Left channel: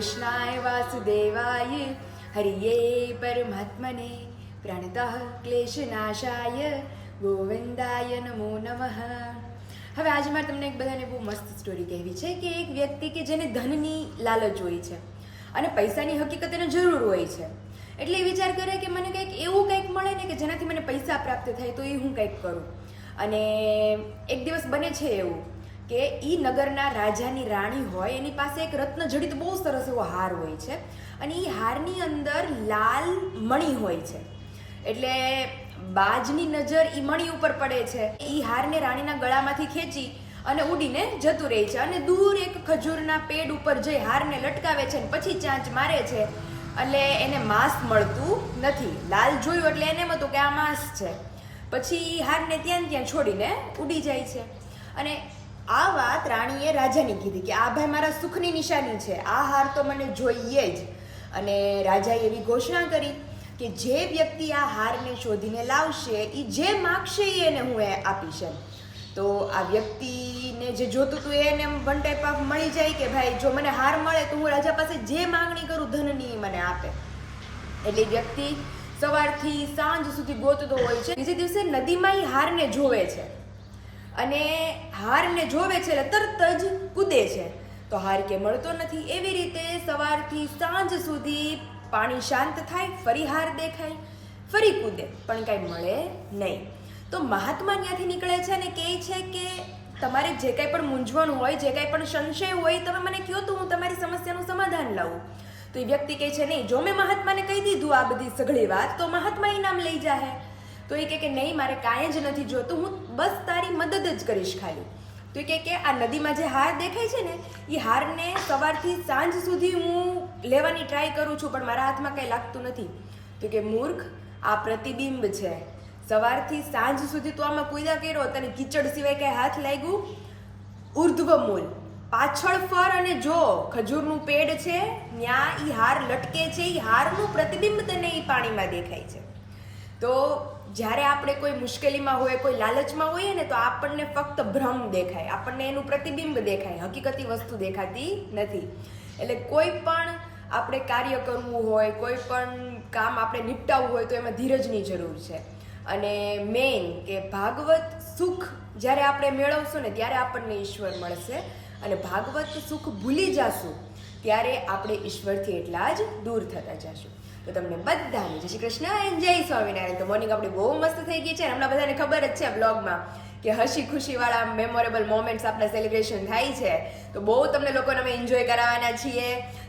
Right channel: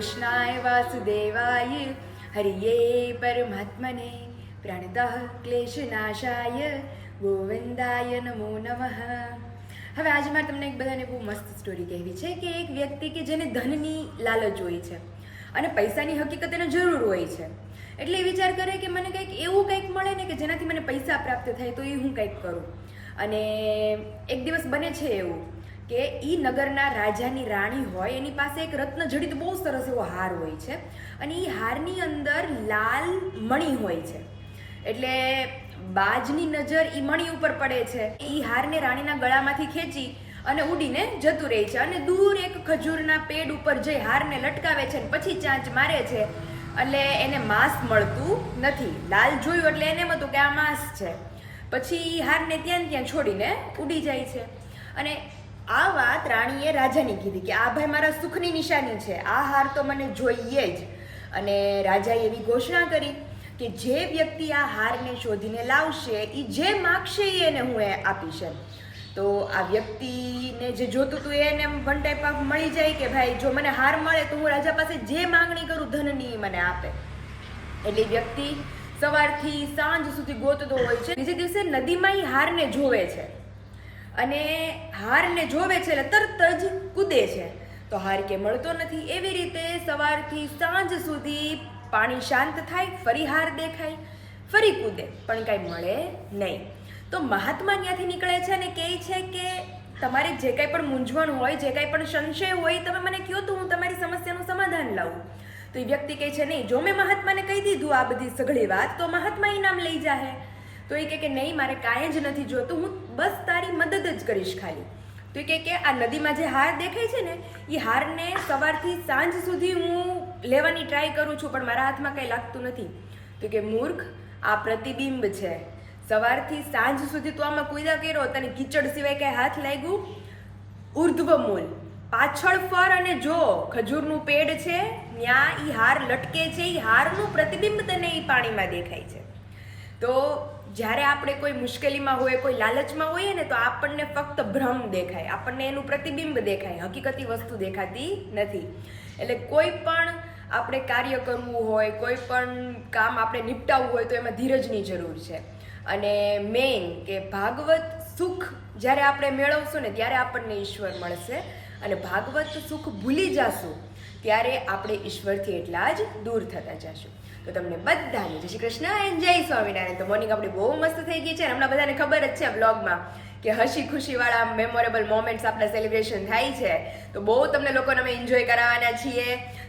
કૃષ્ણાય વાસુદેવાય હરિયે પરમાત્મને પ્રાણતઃ ક્લેશનાશાય ગોવિંદાય નમો નમઃ. હવે આજે મારે તમને એક બધાને બહુ મસ્ત સ્ટોરી કહેવી છે કે એક વ્યક્તિ કે જેને ધનની લાલચ હોય છે અને પૈસાની હકીકત એને જરૂર હોય છે, એટલે એ વિચાર કરે કે મને કંઈક એવું કંઈક મળે ને કે જેનાથી મને પૈસા પ્રાપ્ત થાય તો એ હું કંઈક કરું. અને એક દિવસ બને છે એવું કે એ નગરના રાજાની રાણી હોય, એની પાસે એક રત્નજડિત બહુ સરસ એવો હાર હોય છે અને એ હારની અંદર લાલ મણી હોય છે. એટલે બાજની નજર ઈ મણી ઉપર પડે છે. ઈ હારને રાણીના ગળામાંથી ખેંચી અને ઉડીને જતું રહે છે અને દૂર એક ખજૂરના પેડ ઉપર જઈ હારને લટકાવે છે અને પછી ચાંચ મારે છે. એટલે એને માંસ મળતું નથી. લાલ જોયું એટલે એને એમ હતું કે આ માંસ છે. પછી હારને ત્યાં છોડીને ઉડી જાય છે. અને આ વાત રાણીએ રાજાને કીધી કે આ ભાઈ મારા સુખની નિશાની છે, આ હાર તો મને જોઈએ જ. અને રાજાએ એવી ઘોષણા કરી કે જે વ્યક્તિ આ હારને શોધીને લાવશે એ જે માગશે એને હું આપીશ. તો આ વ્યક્તિને જે જોતું હતું એને વન ટાઈપ ઓફ મળી જાય કે ભાઈ જો મને હાર મળે તો હું રાજા પાસે જે માંગણી કરું ધનની મને આપે. એટલે વ્યક્તિ સવારથી સાંજ સુધી ગોતતો હોય છે. બીજે દિવસે નદીમાં એ હારને જોવે છે અને હારને જોવે છે એટલે તરત જ કૂદે છે. તો હાર કે મળતો નથી. એવી રીતે સવારથી સાંજ સુધી પાણી શાંત થાય, ફરી હાર દેખાય, ફરી કૂદે, પણ કાંઈ મળે નહીં. તો મહાત્મા ત્યાંથી નીકળે છે અને કહે છે કે તમારે જે કાંઈ પણ મૂંઝવણ હોય, જે કાંઈ પણ સંશય હોય, તમે મને કહો તો હું તમારી સમસ્યાનું સમાધાન લાવું. તો એ વ્યક્તિ કહે છે નહીં, જો મેં મહાત્માને કહી દીધું આ બધી સઘળી વાત તો મહાત્મા એ નામ લઈ જાહે. તો એ કહે કે નહીં, મારે કાંઈ જ નથી જોતું, હું બસ તારી મદદ જ કરીશ ખાલી. તો એ કહે કે આ નદીમાં જે હાર દેખાય છે ને એ હારને સવારથી સાંજ સુધી હું લેવાની ટ્રાય કરું છું પણ મારા હાથમાં કંઈ લાગતું નથી. તો કે મૂર્ખ, આ પ્રતિબિંબ છે. સવારથી સાંજ સુધી તું આમાં કુદા કર્યો, તને કીચડ સિવાય કાંઈ હાથ લાગ્યું? ઉર્ધ્વ મૂલ, પાછળ ફર અને જો ખજૂરનું પેડ છે, ત્યાં ઈ હાર લટકે છે, ઈ હારનું પ્રતિબિંબ તને ઈ પાણીમાં દેખાય છે. તો જ્યારે આપણે કોઈ મુશ્કેલીમાં હોય, કોઈ લાલચમાં હોઈએ ને તો આપણને ફક્ત ભ્રમ દેખાય, આપણને એનું પ્રતિબિંબ દેખાય, હકીકતી વસ્તુ દેખાતી નથી. એટલે કોઈ પણ આપણે કાર્ય કરવું હોય, કોઈ પણ કામ આપણે નિપટાવવું હોય તો એમાં ધીરજની જરૂર છે. અને મેઇન કે ભાગવત સુખ જ્યારે આપણે મેળવશું ને ત્યારે આપણને ઈશ્વર મળશે અને ભાગવત સુખ ભૂલી જશું ત્યારે આપણે ઈશ્વરથી એટલા જ દૂર થતા જશું. તો તમને બધાને જય શ્રી કૃષ્ણ અને જય સ્વામિનારાયણ. તો મોર્નિંગ આપણી બહુ મસ્ત થઈ ગઈ છે. હમણાં બધાને ખબર જ છે બ્લોગમાં કે હસી ખુશીવાળા મેમોરેબલ મોમેન્ટ્સ આપણા સેલિબ્રેશન થાય છે. તો બહુ તમને લોકોને અમે એન્જોય કરાવવાના છીએ.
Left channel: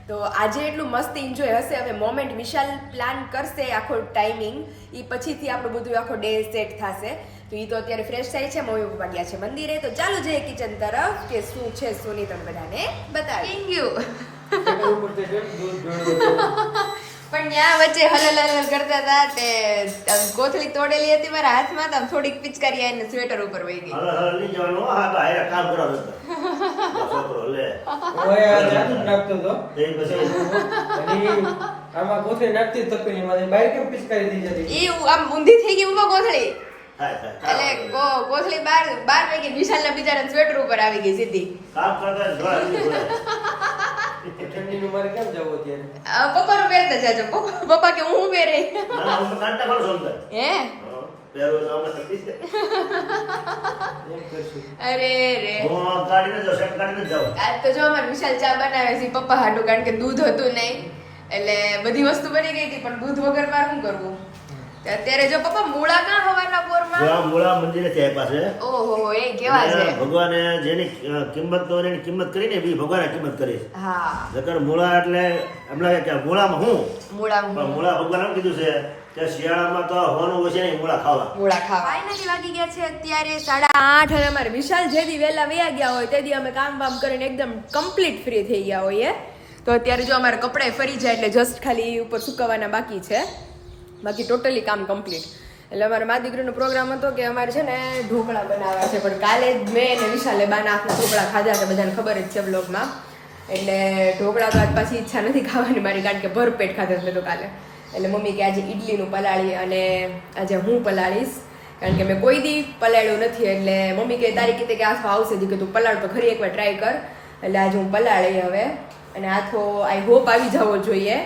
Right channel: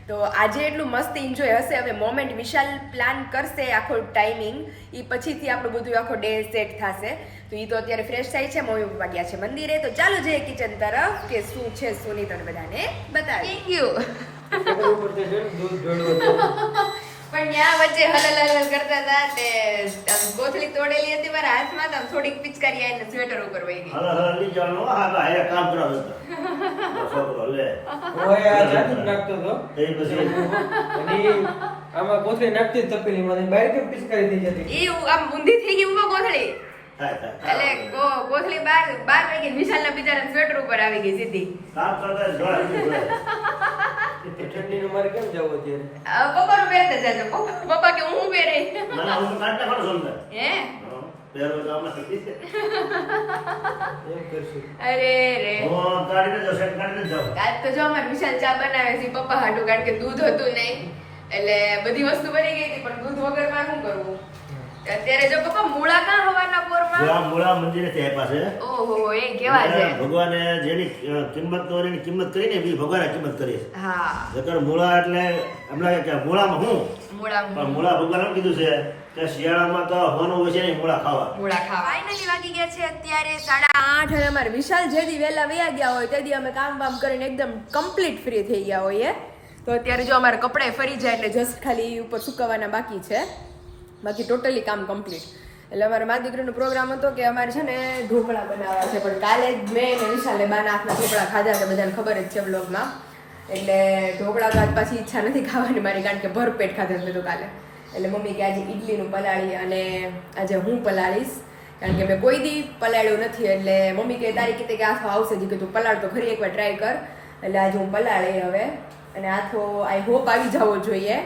તો આજે એટલું મસ્ત એન્જોય હશે. હવે મોમેન્ટ વિશાલ પ્લાન કરશે આખો ટાઈમિંગ, એ પછીથી આપણું બધું આખો ડે સેટ થશે. તો એ તો અત્યારે ફ્રેશ થાય છે, મમ્મી પપ્પા ગયા છે મંદિરે. તો ચાલો જઈએ કિચન તરફ કે શું છે શું નહીં તમને બધાને બતાવી ગયું. પણ ત્યાં વચ્ચે હલલ કરતા હતા તે કોથળી તોડેલી હતી મારા હાથમાં, તો થોડીક પિચકારી આવીને સ્વેટર ઉપર વહી ગઈ. હલલ ની જાણો આ ભાઈ કામ કરાવે છે છોકરો લે ઓય આ જાદુ નાખતો તો એ પછી અને આમાં કોથળી નાખતી જ તપેલી માં બહાર કેમ પિચકારી થઈ જતી. ઈ આમ ઊંધી થઈ ગઈ ઉમા કોથળી. થાય એટલે કોથળી બાર વાગે વિશાલના બિચારા સ્વેટર ઉપર આવી ગઈ સીધી. કામ કરતા જોડા ઠંડી નું મારે કેમ જવું અત્યારે? પપ્પાનું પહેરતા જાજો. પપ્પા કે હું પહેરે. ના હું તો કાંટા પણ સમજે હે પેરો તો અમે સતી છે એમ કરશું. અરે રે હું ગાડીને જો સેટ કરીને જાઉં. આજ તો જો અમારે વિશાલ ચા બનાવે છે પપ્પા હાટું, કારણ કે દૂધ હતું નહીં એટલે બધી વસ્તુ બની ગઈ હતી પણ દૂધ વગર માં શું કરવું. અત્યારે જો પપ્પા મૂળા કાં હવારના પોરમાં? જો આ મૂળા મંદિરે છે એ પાસે. ઓહો એ કેવા છે. ભગવાને જેની કિંમત તો એની કિંમત કરીને બી ભગવાને કિંમત કરી. હા જકર મૂળા એટલે એમલા કે મૂળામાં હું મૂળા પણ મૂળા ભગવાને એમ કીધું છે કે શિયાળામાં તો હોવાનું હોય છે નહીં મૂળા ખાવા. મૂળા ખાવા. ફાઇનલી વાગી ગયા છે અત્યારે 8:30 અને અમારે વિશાલ જેદી વહેલા વયા ગયા હોય તેદી અમે કામ વામ કરીને એકદમ કમ્પ્લીટ ફ્રી થઈ ગયા હોઈએ. તો અત્યારે જો અમારે કપડાં ફરી જાય એટલે જસ્ટ ખાલી ઉપર સુકવવાના બાકી છે, બાકી ટોટલી કામ કમ્પ્લીટ. એટલે અમારે મા દીકરીનો પ્રોગ્રામ હતો કે અમારે છે ને ઢોકળા બનાવવા છે, પણ કાલે જ મેં ને વિશાલે બાના હાથના ઢોકળા ખાધા છે, બધાને ખબર જ છે બ્લોગમાં. એટલે ઢોકળા તો આજ પાછી ઈચ્છા નથી ખાવાની મારી, કારણ કે ભરપેટ ખાધા મેં તો કાલે. એટલે મમ્મી કે આજે ઈડલીનું પલાળી અને આજે હું પલાળીશ, કારણ કે મેં કોઈ દી પલાળ્યું નથી. એટલે મમ્મી કે તારી કીધે કે આ આવશે જ કે તું પલાળ તો ખરી એકવાર ટ્રાય કર. એટલે આજે હું પલાળી હવે અને આથો આઈ હોપ આવી જવો જોઈએ,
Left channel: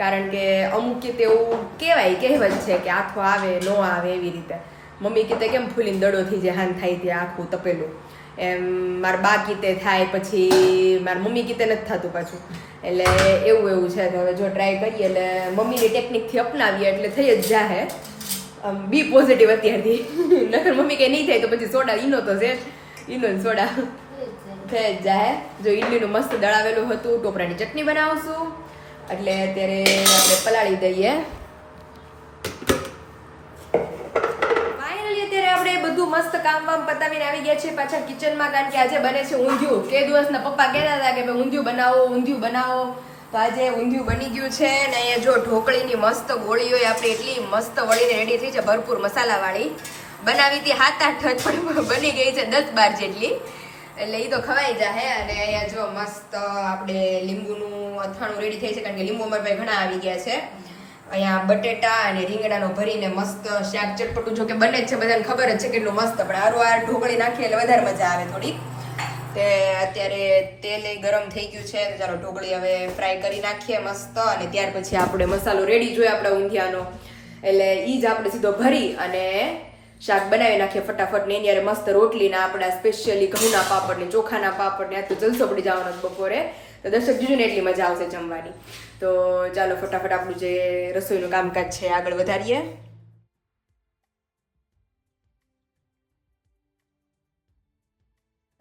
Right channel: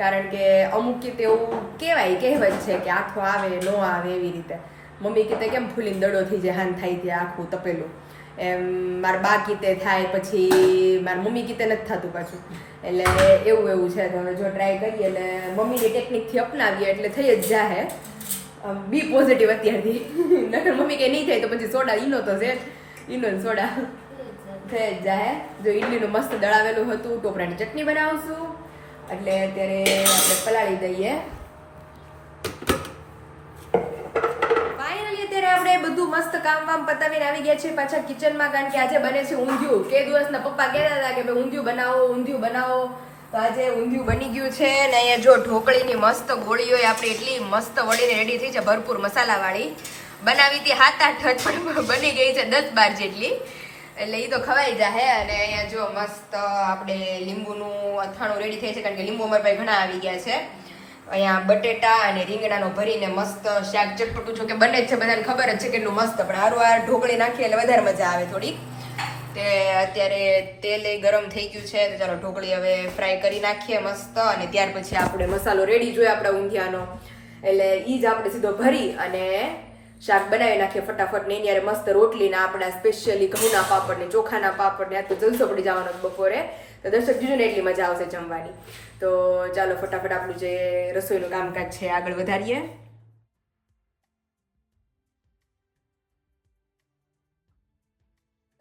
કારણ કે અમુક કીતે એવું કહેવત છે કે આથો આવે ન આવે એવી રીતે. મમ્મી કીતે કેમ ફૂલીને દડો થઈ જાય હાન થાય ત્યાં આખું તપેલું, એમ મારા બા કીતે થાય, પછી મારા મમ્મી કીતે નથી થતું પાછું. એટલે એવું છે. તો હવે જો ટ્રાય કરીએ એટલે મમ્મીની ટેકનિકથી અપનાવીએ એટલે થઈ જ જાહે. બી પોઝિટિવ અત્યારથી. નકર મમ્મી કંઈ નહીં થાય તો પછી સોડા ઈનો તો છે, ઈનો ને સોડા થઈ જ જાહે. જો ઈડલીનું મસ્ત દળાવેલું હતું, ટોપરાની ચટણી બનાવશું એટલે અત્યારે આપણે પલાળી દઈએ. ફાઇનલી અત્યારે આપણે બધું મસ્ત કામ વામ પતાવીને આવી ગયા છે પાછા કિચનમાં, કારણ કે આજે બને છે ઊંધિયું. કે દિવસના પપ્પા કહેતા હતા કે ભાઈ ઊંધિયું બનાવો. તો આજે ઊંધિયું બની ગયું છે ને અહીંયા જો ઢોકળીની મસ્ત ગોળી હોય આપણી એટલી મસ્ત વળીને રેડી થઈ છે, ભરપૂર મસાલાવાળી. બનાવી હતી 7-8 જ પણ બની ગઈ છે 10-12 જેટલી, એટલે એ તો ખવાઈ જાય. અને અહીંયા જો મસ્ત આપણે લીંબુનું અથાણું રેડી થઈ છે, કારણ કે લીંબુ અમારા પાસે ઘણા આવી ગયા છે. અહીંયા બટેટા અને રીંગણાનો ભરીને મસ્ત શાક ચટપટું, જો કે બને જ છે, બધાને ખબર જ છે કેટલું મસ્ત, પણ હારું ઢોકળી નાખીએ એટલે વધારે મજા આવે થોડી. તે અત્યારે તેલ ગરમ થઈ ગયું છે, તો ચાલો ઢોકળી હવે ફ્રાય કરી નાખીએ મસ્ત, અને ત્યાર પછી આપણે મસાલો રેડી જોઈએ આપણા ઊંધિયાનો, એટલે એ જ આપણે સીધો ભરી અને શાક બનાવી નાખીએ ફટાફટ. ને એની મસ્ત રોટલીના આપણા સ્પેશિયલી ઘઉંના પાપડ ને ચોખાના પાપડ ને આ તો જલસો પડી જવાનો બપોરે, તો દર્શક જોજો ને એટલી મજા આવશે જમવાની. તો ચાલો ફટાફટ આપણું જે રસોઈનું કામકાજ છે આગળ વધારીએ.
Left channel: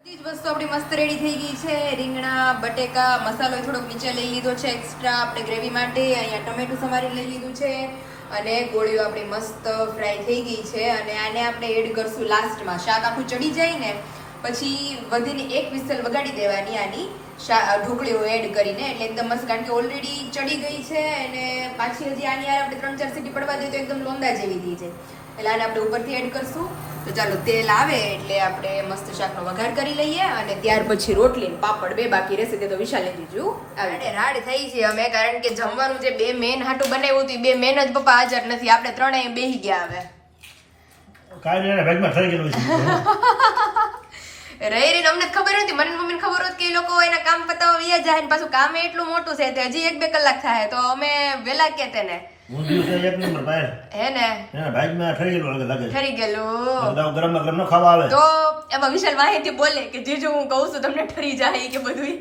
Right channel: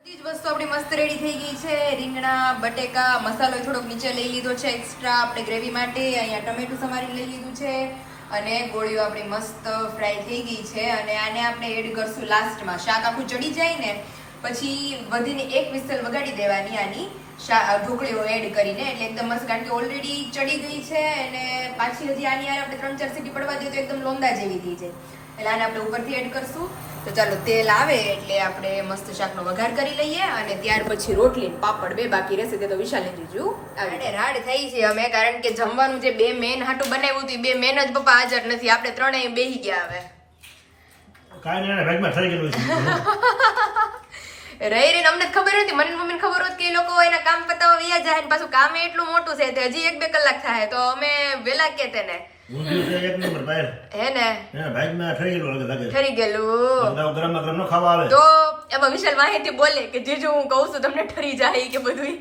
બધી જ વસ્તુ આપણી મસ્ત રેડી થઈ ગઈ છે. રીંગણા, બટેકા, મસાલો થોડોક નીચે લઈ લીધો છે એક્સ્ટ્રા આપણે ગ્રેવી માટે. અહીંયા ટમેટું સમારી લઈ લીધું છે, અને ગોળીઓ આપણી મસ્ત ફ્રાય થઈ ગઈ છે. અને આને આપણે એડ કરશું લાસ્ટમાં. શાક આખું ચડી જાય ને પછી વધીને 1 વિસલ વગાડી દેવાની આની ઢોકળીઓ એડ કરીને, એટલે એકદમ મસ્ત, કારણ કે ઓલરેડી ચડી ગઈ છે અને પાછી હજી આની યાર આપણે 3-4 સીટી પડવા દઈએ તો એકદમ લોંદા જેવી થઈ જાય. એટલે આને આપણે ઉપરથી એડ કરશું. તો ચાલો તેલ આવે એટલે આપણે મસ્ત શાકનો વઘાર કરી લઈએ, અને ત્યાર પછી રોટલી ને પાપડ 2 બાકી રહેશે, તે તો વિશાલને જીજુ આવે. રાડ થઈ છે અમે, કારણ કે જમવાનું જે 2 મેન હાટું બનાવ્યું હતું 2 મેન જ પપ્પા હાજર નથી, આપણે 3 બેહી ગયા. હવે કાઈ નહીં, બેગમાં થઈ ગયેલું છે. રહી અમને ખબર નથી, મને મમ્મીને ખબર હોત કે એ લોકો એના કામ પતાવવા વ્યા જાય ને પાછું કામ એટલું મોટું છે, તે હજી 1-2 કલાક થાય, તો અમે વેલા કે તેને ઊંધિયું છે એક નંબર બહાર. હે ને એના બેગમાં થઈ ગયેલું લાગે. ઠરી ગયેલું તો ગરમમાં ગરમ ન ખાવા આવે તો એમાં વિશાલ માહિતી બોલે કે જીજુ હું કહું છું તમને ઠરી જાય કે બધું.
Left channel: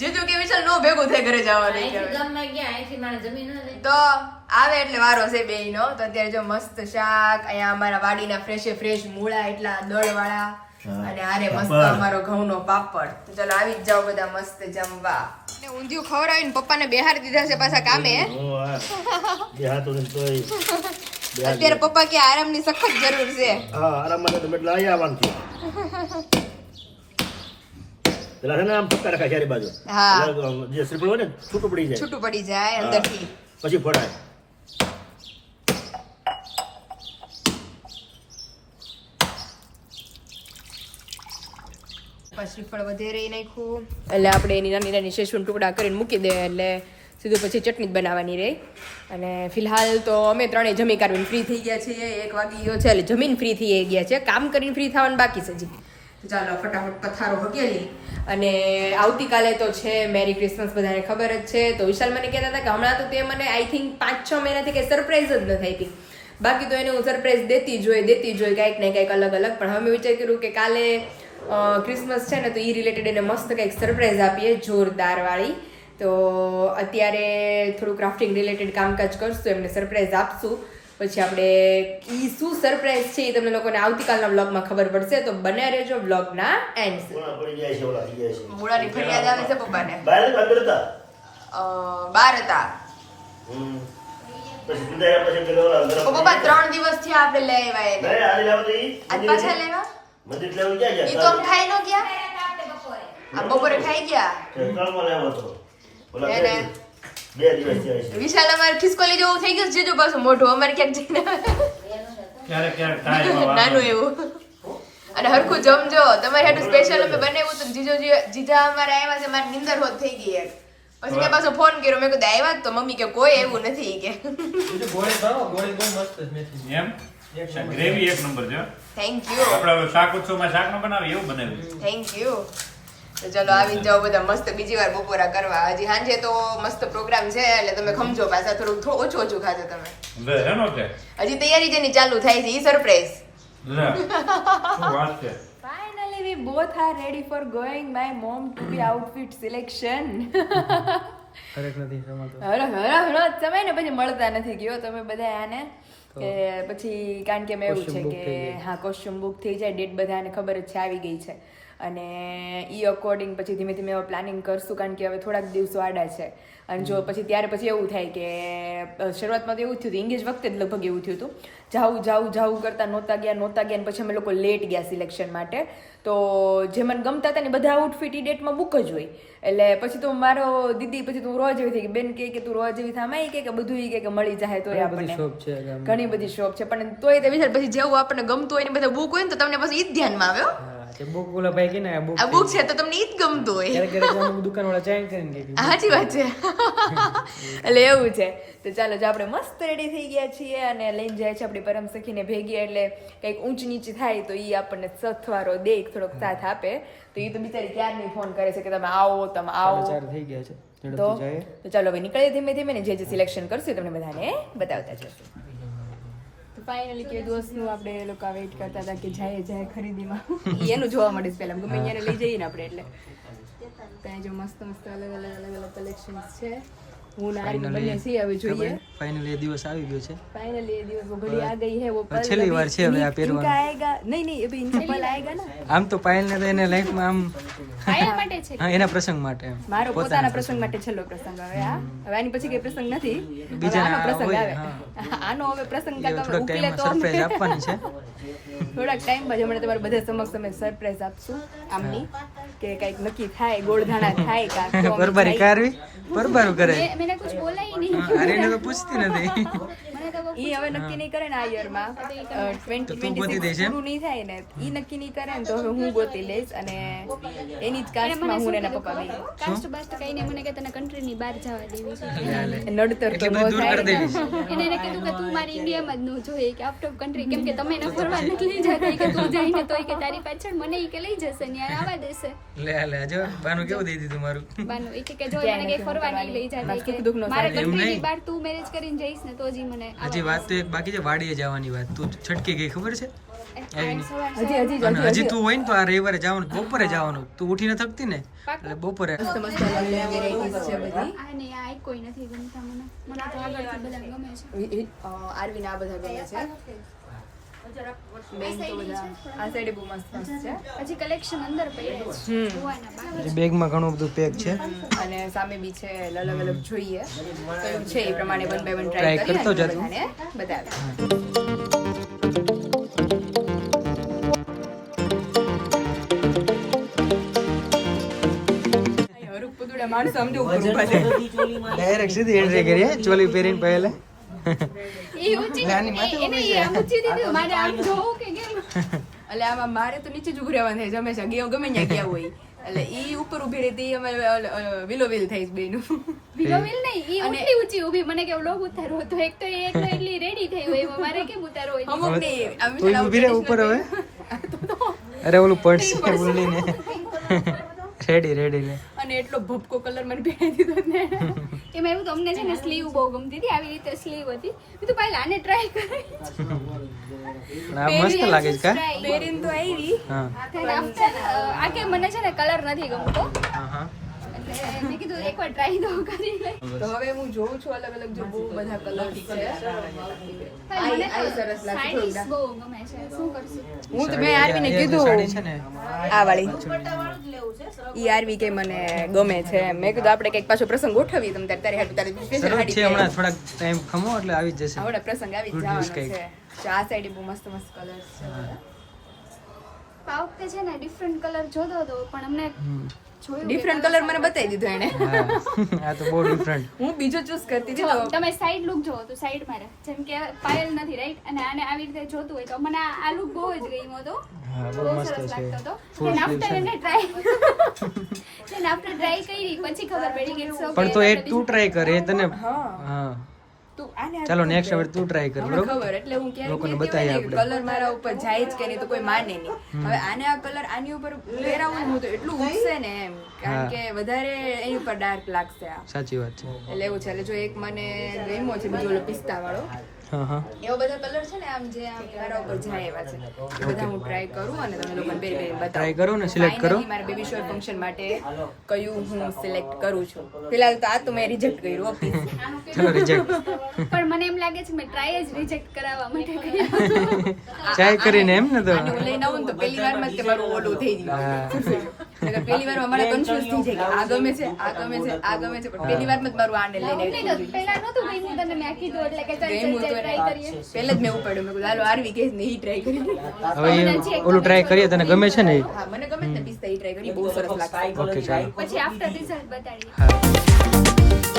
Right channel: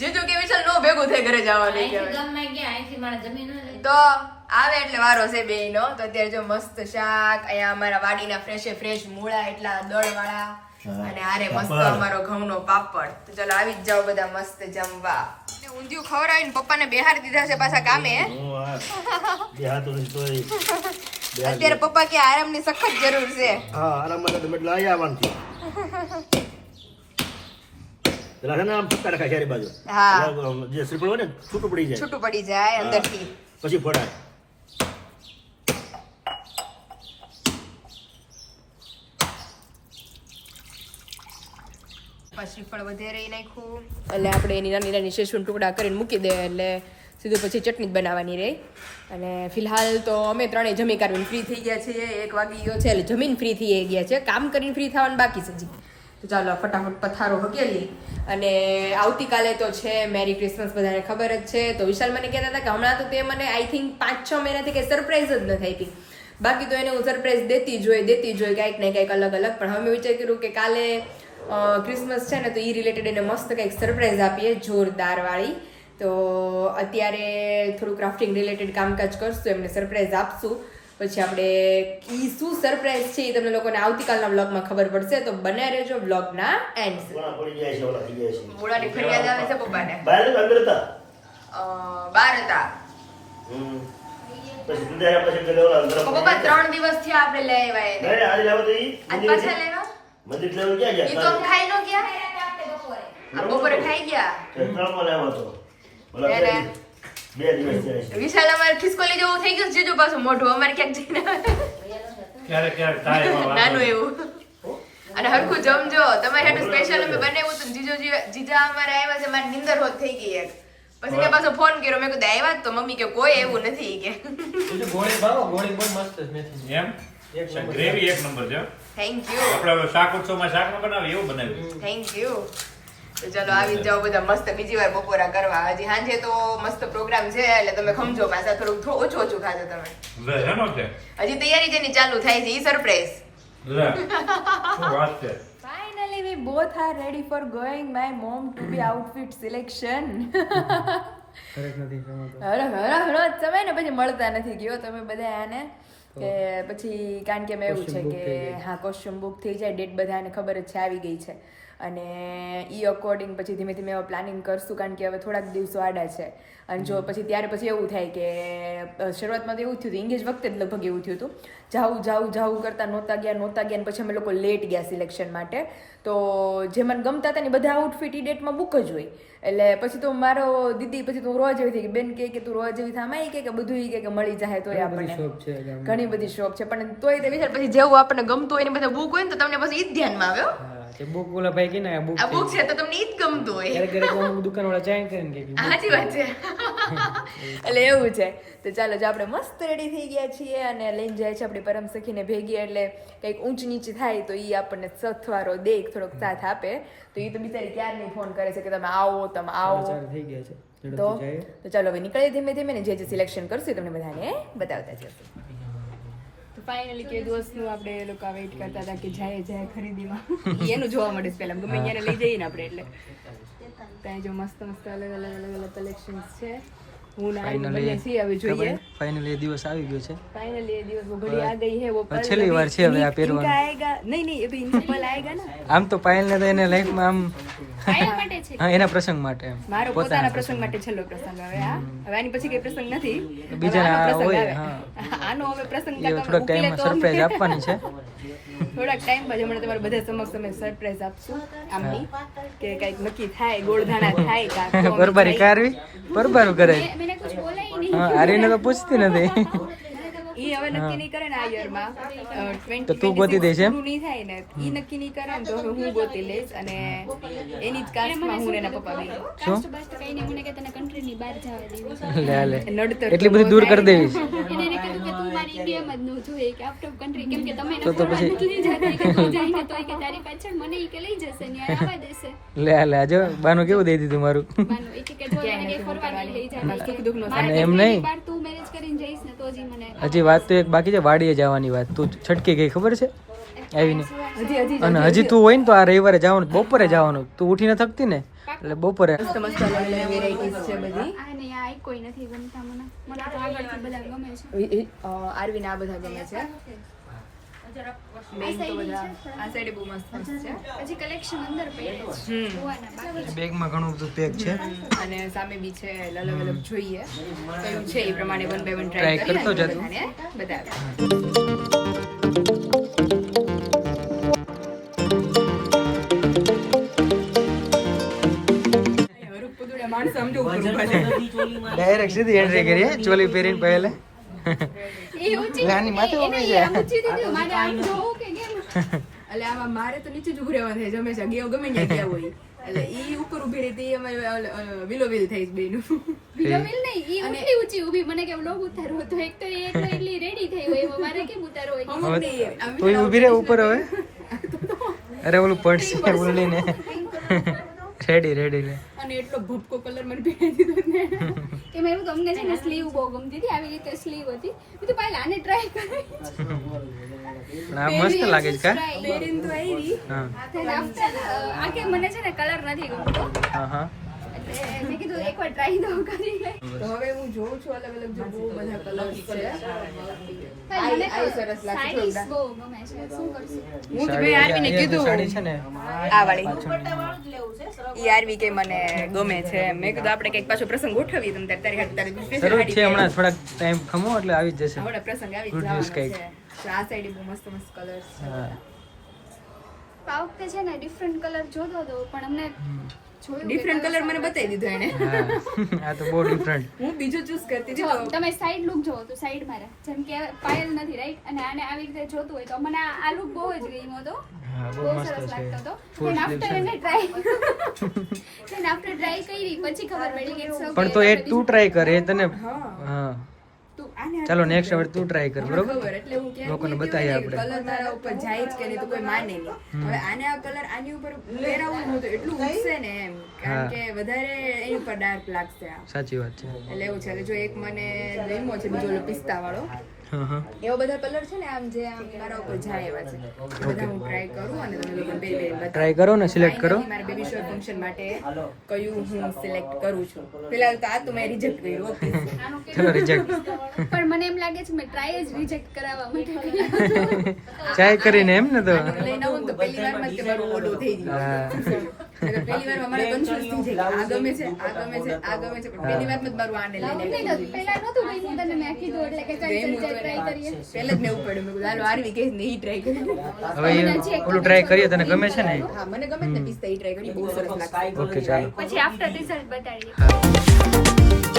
જીજુ કે વિશાલ નો ભેગું થાય ઘરે જવાનું કે તો આવે એટલે વારો છે બેયનો. તો અત્યારે જો મસ્ત શાક, અહીંયા અમારા વાડીના ફ્રેશ મૂળા એટલા દળવાળા, અને આરે મસ્ત અમારો ઘઉંનો પાપડ. તો ચાલો આવી જ જાઓ બધા મસ્ત જમવા. ઊંધિયું ખવડાવીને પપ્પાને બેહારી દીધા છે પાછા કામે. અત્યારે પપ્પા કે આરામની સખત જરૂર છે. હા, આરામ માટે તો એટલે અહીંયા આવવાનું છે. પેલા છે ને આમ ફટકા રખાય ચારે બાજુ. હા, જે શ્રીફળ હોય ને છૂટું પડી જાય અંદરથી, પછી ફોડાય. શ્રીફળ વધારે નાખ્યું એટલે આપણે એની નાની શેષુન ટુકડા કરીને મૂકી દે એટલે સીધું પછી ચટણી જ બનાવવાની રહે. અને ફિલહાલ તો અમે 3 જમી કાઢીને ફ્રી થઈ ગયા છીએ. 1 વાગી ગયો છે એટલે જમીન ફ્રી થઈ ગયા છે, કામ કરીને ફ્રી થવાનું બાકી છે હજી. તો ચાલો ફટાફટ પથારો હકેલી. અને આવતીકાલે તો છે મેરી ક્રિસમસ, બધાને ખબર જ છે. તો વિશાલ મને કહેતા હતા કે હમણાં તો તે મને આઈ થિંક 5-6 મહિનાથી કંઈ સરપ્રાઈઝ જ નથી આપી. બાકી તો એને હું સરપ્રાઈઝ દેતી જોઈ કાંઈક ને કાંઈક અલગ. પણ હવે મેં વિચાર કર્યું કે કાલે ક્રિસમસ છે ને, તો એ રિલેટેડ એને મસ્ત કંઈક સરપ્રાઈઝ આપીએ જોરદાર વાળી. તો અત્યારે થોડું ક્રાફ્ટિંગ રિલેટેડ કામકાજ કરશું, એમને સરપ્રાઈઝ આપશું. પછી આપણે ઈ શું સરપ્રાઈઝ છે એ તમને લોકોને આવતીકાલના વ્લોગમાં ખબર પડશે. તો બને રહેજો વ્લોગના એન્ડ સુધી. મોડાની ફરિયાદ આવી છે પપ્પાને. બહાર હતા પપ્પા 3 દિવસ થી આપણે લઈ આવ્યા. પાછા લેવા મંદિર લેવા ક્યાં ગયા? ઈ તો ખાઈ નો ગયા. આ બપોરે ખાઈ ગયા. ત્રણમાં લેવા તો. ઓલા 2 દિવસ થયા. વિશાલ અમારે ખિસકોલી જેવું થઈ ગયું જીજુ પાછું મોઢું અમારે ક્યાંક જઈને ક્યારેક થાય નાનું એવું. અને હરખું જમજો. તમારે હાટુ સ્પેશિયલ અમે બનાવ્યું તો જીજા અમારે આવ્યા છે, મારી નિંદર હોત થઈ ગઈ એક. પછી મેં પાછો ફોન કર્યો, મેં કીધું આવ્યા તો મમ્મી કે કોઈ એવું નથી કે. ગોળી બહુ મસ્ત છે એમ ગ્રેવી 1 નંબર છે. Thank you. આપણે શાક ઉત્સવમાં શાક ન બનાવે એવું બનાવ્યું. Thank you. તો ચલો આવી જાઓ બધા મસ્ત બીજી વાર બપોરા કરવા. હજી સાંજે તો મસ્ત પ્રોગ્રામ છે એટલે તમે ખમજો પાછા થોડુંક ઓછું ઓછું ખાજો તમે. હજી તૈયારી જેની ચાલુ થાય છે ઈ surprise. Finally we both are ready for going my mom to be outfit selection. ફરક નથી સમાતો. હરો સમય ને પછી મળતા નથી ગયો તમે બધા આને કે પછી કારણ કે મેં એવું છે કે હા કોસ્ટ્યુમ બુક થઈ જાય ડેટ બધાને ખબર જ છે આવી ગઈ છે અને ઈ અકોર્ડિંગ પછી ધીમે ધીમે હવે પ્લાનિંગ કરશું કારણ કે હવે થોડાક દિવસો આડા છે અને જો પછી ત્યારે પછી એવું થાય કે શરૂઆતમાં તો એવું થયું હતું એંગેજ વખતે જ લગભગ એવું થયું હતું જાવું કરતા નહોતા ગયા અને પછી અમે લોકો લેટ ગયા સિલેક્શન માટે તો જે મને ગમતા હતા ને બધા આઉટફિટ ઈ ડેટમાં બુક જ હોય એટલે પછી તો મારો દીદી પછી તું રોજ એવી થઈ કે બેન કે તું રોજ એવી થામાં કે બધું ઈ કે મળી જાય તોય આપણને ઘણી બધી શોપ છે પણ તોય તે વિશે પછી જેવું આપણને ગમતું હોય ને બધા બુક હોય ને તો તમને પછી ઈ જ ધ્યાનમાં આવ્યો તે બુક ઓલા ભાઈ કે ને આ બુક છે તો તમને ઈ જ ગમતું હોય ક્યારેક અમુક દુકાનવાળા ચાઇન કરીને કે સાચી વાત છે એટલે એવું છે તો ચાલો જો આપણે મસ્ત રેડી થઈ ગયા છીએ અને લઈને જાય છે આપણી પરમ સખીને ભેગી એટલે કંઈક ઊંચ નીચી થાય તો ઈ આપણને સથવારો દે થોડોક સાથ આપે તો ઈ તો બિચારી ક્યારની ફોન કરે છે કે તમે આવો થઈ ગયા છે તો ચાલો હવે નીકળીએ ધીમે ધીમે ને જે સિલેક્શન કરશું તમને બધાને બતાવતા જશું તો ફાઇનલી કે દોસ્તનું આપણે એ લોકો વેઇટ કરતા હતા કે જાય ખરીદીમાં એનું જોવા મળે પહેલા ગમે અહીંયા લઈ જઈએ ને આપણે એટલે ત્યાં જો મસ્ત અલગ અલગ કલેક્શન્સ છે હું ના બંને સી આવી જોઈએ ફાઇનલી એ દિવસ આવી ગયો છે फाइनली ये दिवस वो घड़ी आ गई है वो पल છેલ્લી વાર છે હવે આ પહેરવાનું इनका आएगा नहीं अभी इनका पल आएगा ना આમ તો પાયલ ને તો એને લાઈફમાં આમ હા એના પ્રસંગ માટે એમ મારો પોતાના પ્રસંગ માટે છેલ્લો પ્રસંગ હવે આ હવે આની પછી કઈ પ્રસંગ નથી બીજાના આનો પ્રસંગ હોય, આવે આનો હવે પ્રસંગ થોડોક કાકા ઉકલે ટાઈમમાં તો સરપ્રાઈઝ આપવાની છે થોડાક ટાઈમ બાદ હમણાં તમારા બધા સમક્ષ અમે સરપ્રાઈઝ આપશું આમની કે કઈક નક્કી થાય ગોળધાણા થાય કાં બરબારી કારવી બરબારું કરે मैंने कुछ बोला ही नहीं હા આરીને તો પૂછતી નથી ઈ હવે નક્કી નહીં કરે ને આ યરમાં 20 તો તું ગોતી દેશે પૂરું નહીં થાય ને ઈ નક્કી નહીં કરે ને તો હવે હું ગોતી લઈશ અને એની જ કાસ્ટમાં હું ને એના પપ્પા બે કાસ્ટ બાસ્ટ કહીને મને કે તને કન્ટ્રી ની બહાર જવા દેવી છે નડતર તો એટલું બધું દૂર કરી દેવી છે એને એને કીધું કે તું મારી ઇન્ડિયામાં જ ન જોઈએ કે આઉટ ઓફ કન્ટ્રી કેમ કે તમે એને ફરવા નથી લઈ જતા કે તું જઈને તો કે તારી પાછળ મને ઈ કે લઈ જશે ને આવવા દેશે લે જો બાનું કેવું દઈ દીધું મારું બાનું ઈ કે જો મને કે ફરવા નહીં લઈ જતા સુખ દુઃખનો મારે એમ કન્ટ્રી નહીં. ની બહાર તું મેરેજ કરીને જઈશ ને તો જ ઈ મને હજી વાત તો એક બાકી છે વાડીએ જવાની વાત તું છટકી ગઈ ખબર છે આવીને હજી અને હજી તું હોય ને તો આ રવિવારે જવાનું બપોરે જવાનું તું ઉઠીને થકતી ને એટલે બપોરે મસ્ત અલગ અલગ વેરાયટીઝ છે બધી આ ને આ કોઈ નથી ગમતા મને મને તો આગળથી બધા ગમે છે આરવીને આ બધા ગમે છે મેઇન તો બધા આ સાઈડ બહુ મસ્ત છે હજી કલેક્શન અંદર પડ્યું છે જોવાના બાકી બેગમાં ઘણું બધું પેક છે અને સામે બી છે અલગ અલગ જોઈએ કયું છે એ પ્રમાણે 1 by 1 Try ટ્રાય કરતો કરીએ જતો. બતાવે માણસ સમજો ડાયરેક્ટ સીધી એન્ટ્રી કરી ચોલી પહેરીને પહેલે એ ઊંચી નાની માથે એને ઊભી એ છે. ઊંચી દીધું મારે આમ જોવું કે કેમ એટલે આમાં મારે તો નીચે જ ઉભું રહેવાનું થાય છે હંમેશા ગમે ત્યાં ગયા હોય એટલે ઈ ઉપર ઉભી રહી હતી અમે વિલો વિલ થઈ બેનું વિલો વિલ નહીં ઈ એટલી ઊંચી ઊભી મને કે વ્લોગ ઉતારવો હતો એક તો એ એકલો એટલી રેડી થઈ હોય એમાં મારે કેમ ઉતારવો હોય અમુક નહીં આમ તું ઊભી રહે ઉપર હવે અરે ઓલું પડશે બોલીને રેડી લે અને એટલો ભપકો કલર મને પહેરી દીધો ને એમાં એવું તો અમને છે ને સ્લીવ બહુ ગમતી હતી આવી રીતે સ્લીવ હતી મેં તો પહેલા આને ટ્રાય કરી આ મસ્ત લાગે છે કા પહેરીને તો આવી હા આફ્ટર આ કે મને છે ને કલર નથી ગમતો હા એટલે મેં કીધું એકવાર ટ્રાય તો કરી લે તો હવે હું જોઉં છું અલગ અલગ જો બહુ બધા કલર્સ છે મને આ સરસ લાગે સાડીઝ બહુ ગમે છે શું કરશું હું તો મેં આરવીને કીધું સાડી છે ને આ વાળી ઈ આરવી કે મને ગમે છે મેં કીધું આપણે કઈક પાછો પ્રસંગ ગોઠવીએ તમે તારી હાટુ તારી સ્પેશિયલ સરસ સાડી છે હમણાં થોડાક ટાઈમ ખમો એટલે આવી જ જશે આવડે પ્રસંગ આવી Good જવાનો news છે કંઈક. તો આ સાઈડ બહુ મસ્ત મસ્ત કલર્સ હા આ વખતે છે ને ડિફરન્ટ કલર જોતો હતો પણ અમને જોયું ડિફરન્ટ કલર મને બતાવી દીધો એને હા આ તો બહુ ડિફરન્ટ હું બીજો ચૂઝ કરતી હતી જો તો તમે સાઈડ લુક જોવો તો સાઈડ મારે જેમ કે પાયલ નથી રાઈટ અને આને આવી રીતે જોતું હોય તો મને આ લુક બહુ જ ગમ્યો હતો હા બહુ બહુ મસ્ત સરસ છે લાગતો હતો Full then sleeves after છે. એને ટ્રાય then after ટ્રાય કરી પછી ખબર પડી કે it's okay. પણ તો એ તું ટ્રાય કરે તને હા હા તું આને હાથ ચાલો કર નેક્સ્ટ દે. હવે તું ટ્રાય કર મને બરોબર ખબર એટલે હું લોકોને ક્યારેક બતાવીએ આપણે. કલર મારા ઉપર જાય જ કે નહીં તો કોઈ માને નહીં હવે આને આ કલર આની ઉપર પહેરાવું ને હું તો એટલું ઉગશે ને એમ કારણ હા. કે વધારે એની ઉપર ડાર્ક લાગશે આ સાચી વાત છે એટલે એવું છે એટલે જો એક મને ગમ્યો છે બીજો ઓલો પિસ્તા વાળો હા હા એવો બધા કલર છે ને આમ જે આમ મારા ઉપર જાય એવા છે બધા હું ટ્રાય કરું અને તમે લોકોને પહેરી પહેરી બતાવું ટ્રાય કરો ને સિલેક્ટ કરો Finally મારા બેબી શોર ફંક્શન માટે કયું હું સિલેક્ટ કરું છું ફિલહાલ તો આ તો મેં રિજેક્ટ કર્યું હો, please. ચલો રિજેક્ટ પણ મને એમ લાગે છે મેં ટ્રાય જ રિજેક્ટ કરાવવા માટે કરી. ટ્રાય કરીને એમ ને તો આનું લઈને આવું ને તો પહેલી વારમાં જ કે મારું ઓલું થઈ ગયું હા નકર પહેલી વારમાં મારે કન્ફ્યુઝ થઈ જાય કે આ ગમે છે આ ગમે છે આ ગમે છે પણ પહેલી વારમાં જ મારું આને લઈને નહીં તો પહેલા નહોતું ગમ્યું તને મેં કીધું એટલે કે ચાલ ચાલ ચાલ ટ્રાય કરીએ. પહેલે જ મેં ઉપાડ્યું મેં કીધું હાલો આરવી કે ને ઈ ટ્રાય કરી હવે ઓલું ટ્રાય કરીએ તને ગમે છે ને ઈ? હા મને ગમે છે ને પિસ્તા ઈ ટ્રાય કરી બહુ સરસ લાગશે ઓકે ચાલો પછી આફ્ટર રિઝલ્ટ બતાડીએ. હા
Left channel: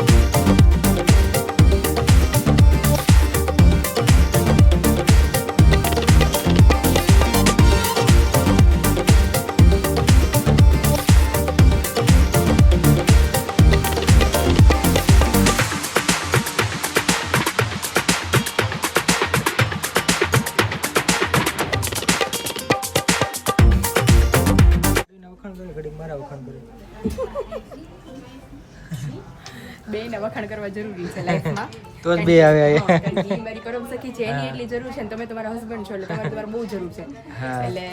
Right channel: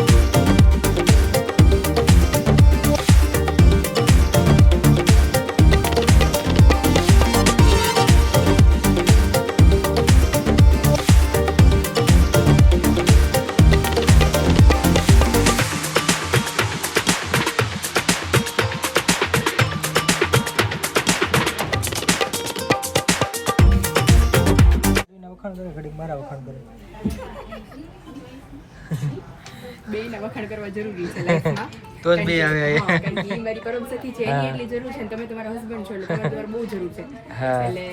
વખાણ કરો ઘડીક મારા વખાણ કરો બેયના વખાણ કરવા જરૂરી છે લાઈફમાં તો જ બે આવે અહીંયા. હા, કારણ કે ઈ મારી પરમ સખી છે એની એટલી જરૂર છે ને તમે તમારા હસબન્ડ છો એટલે તમારે બહુ જરૂર છે હા. એટલે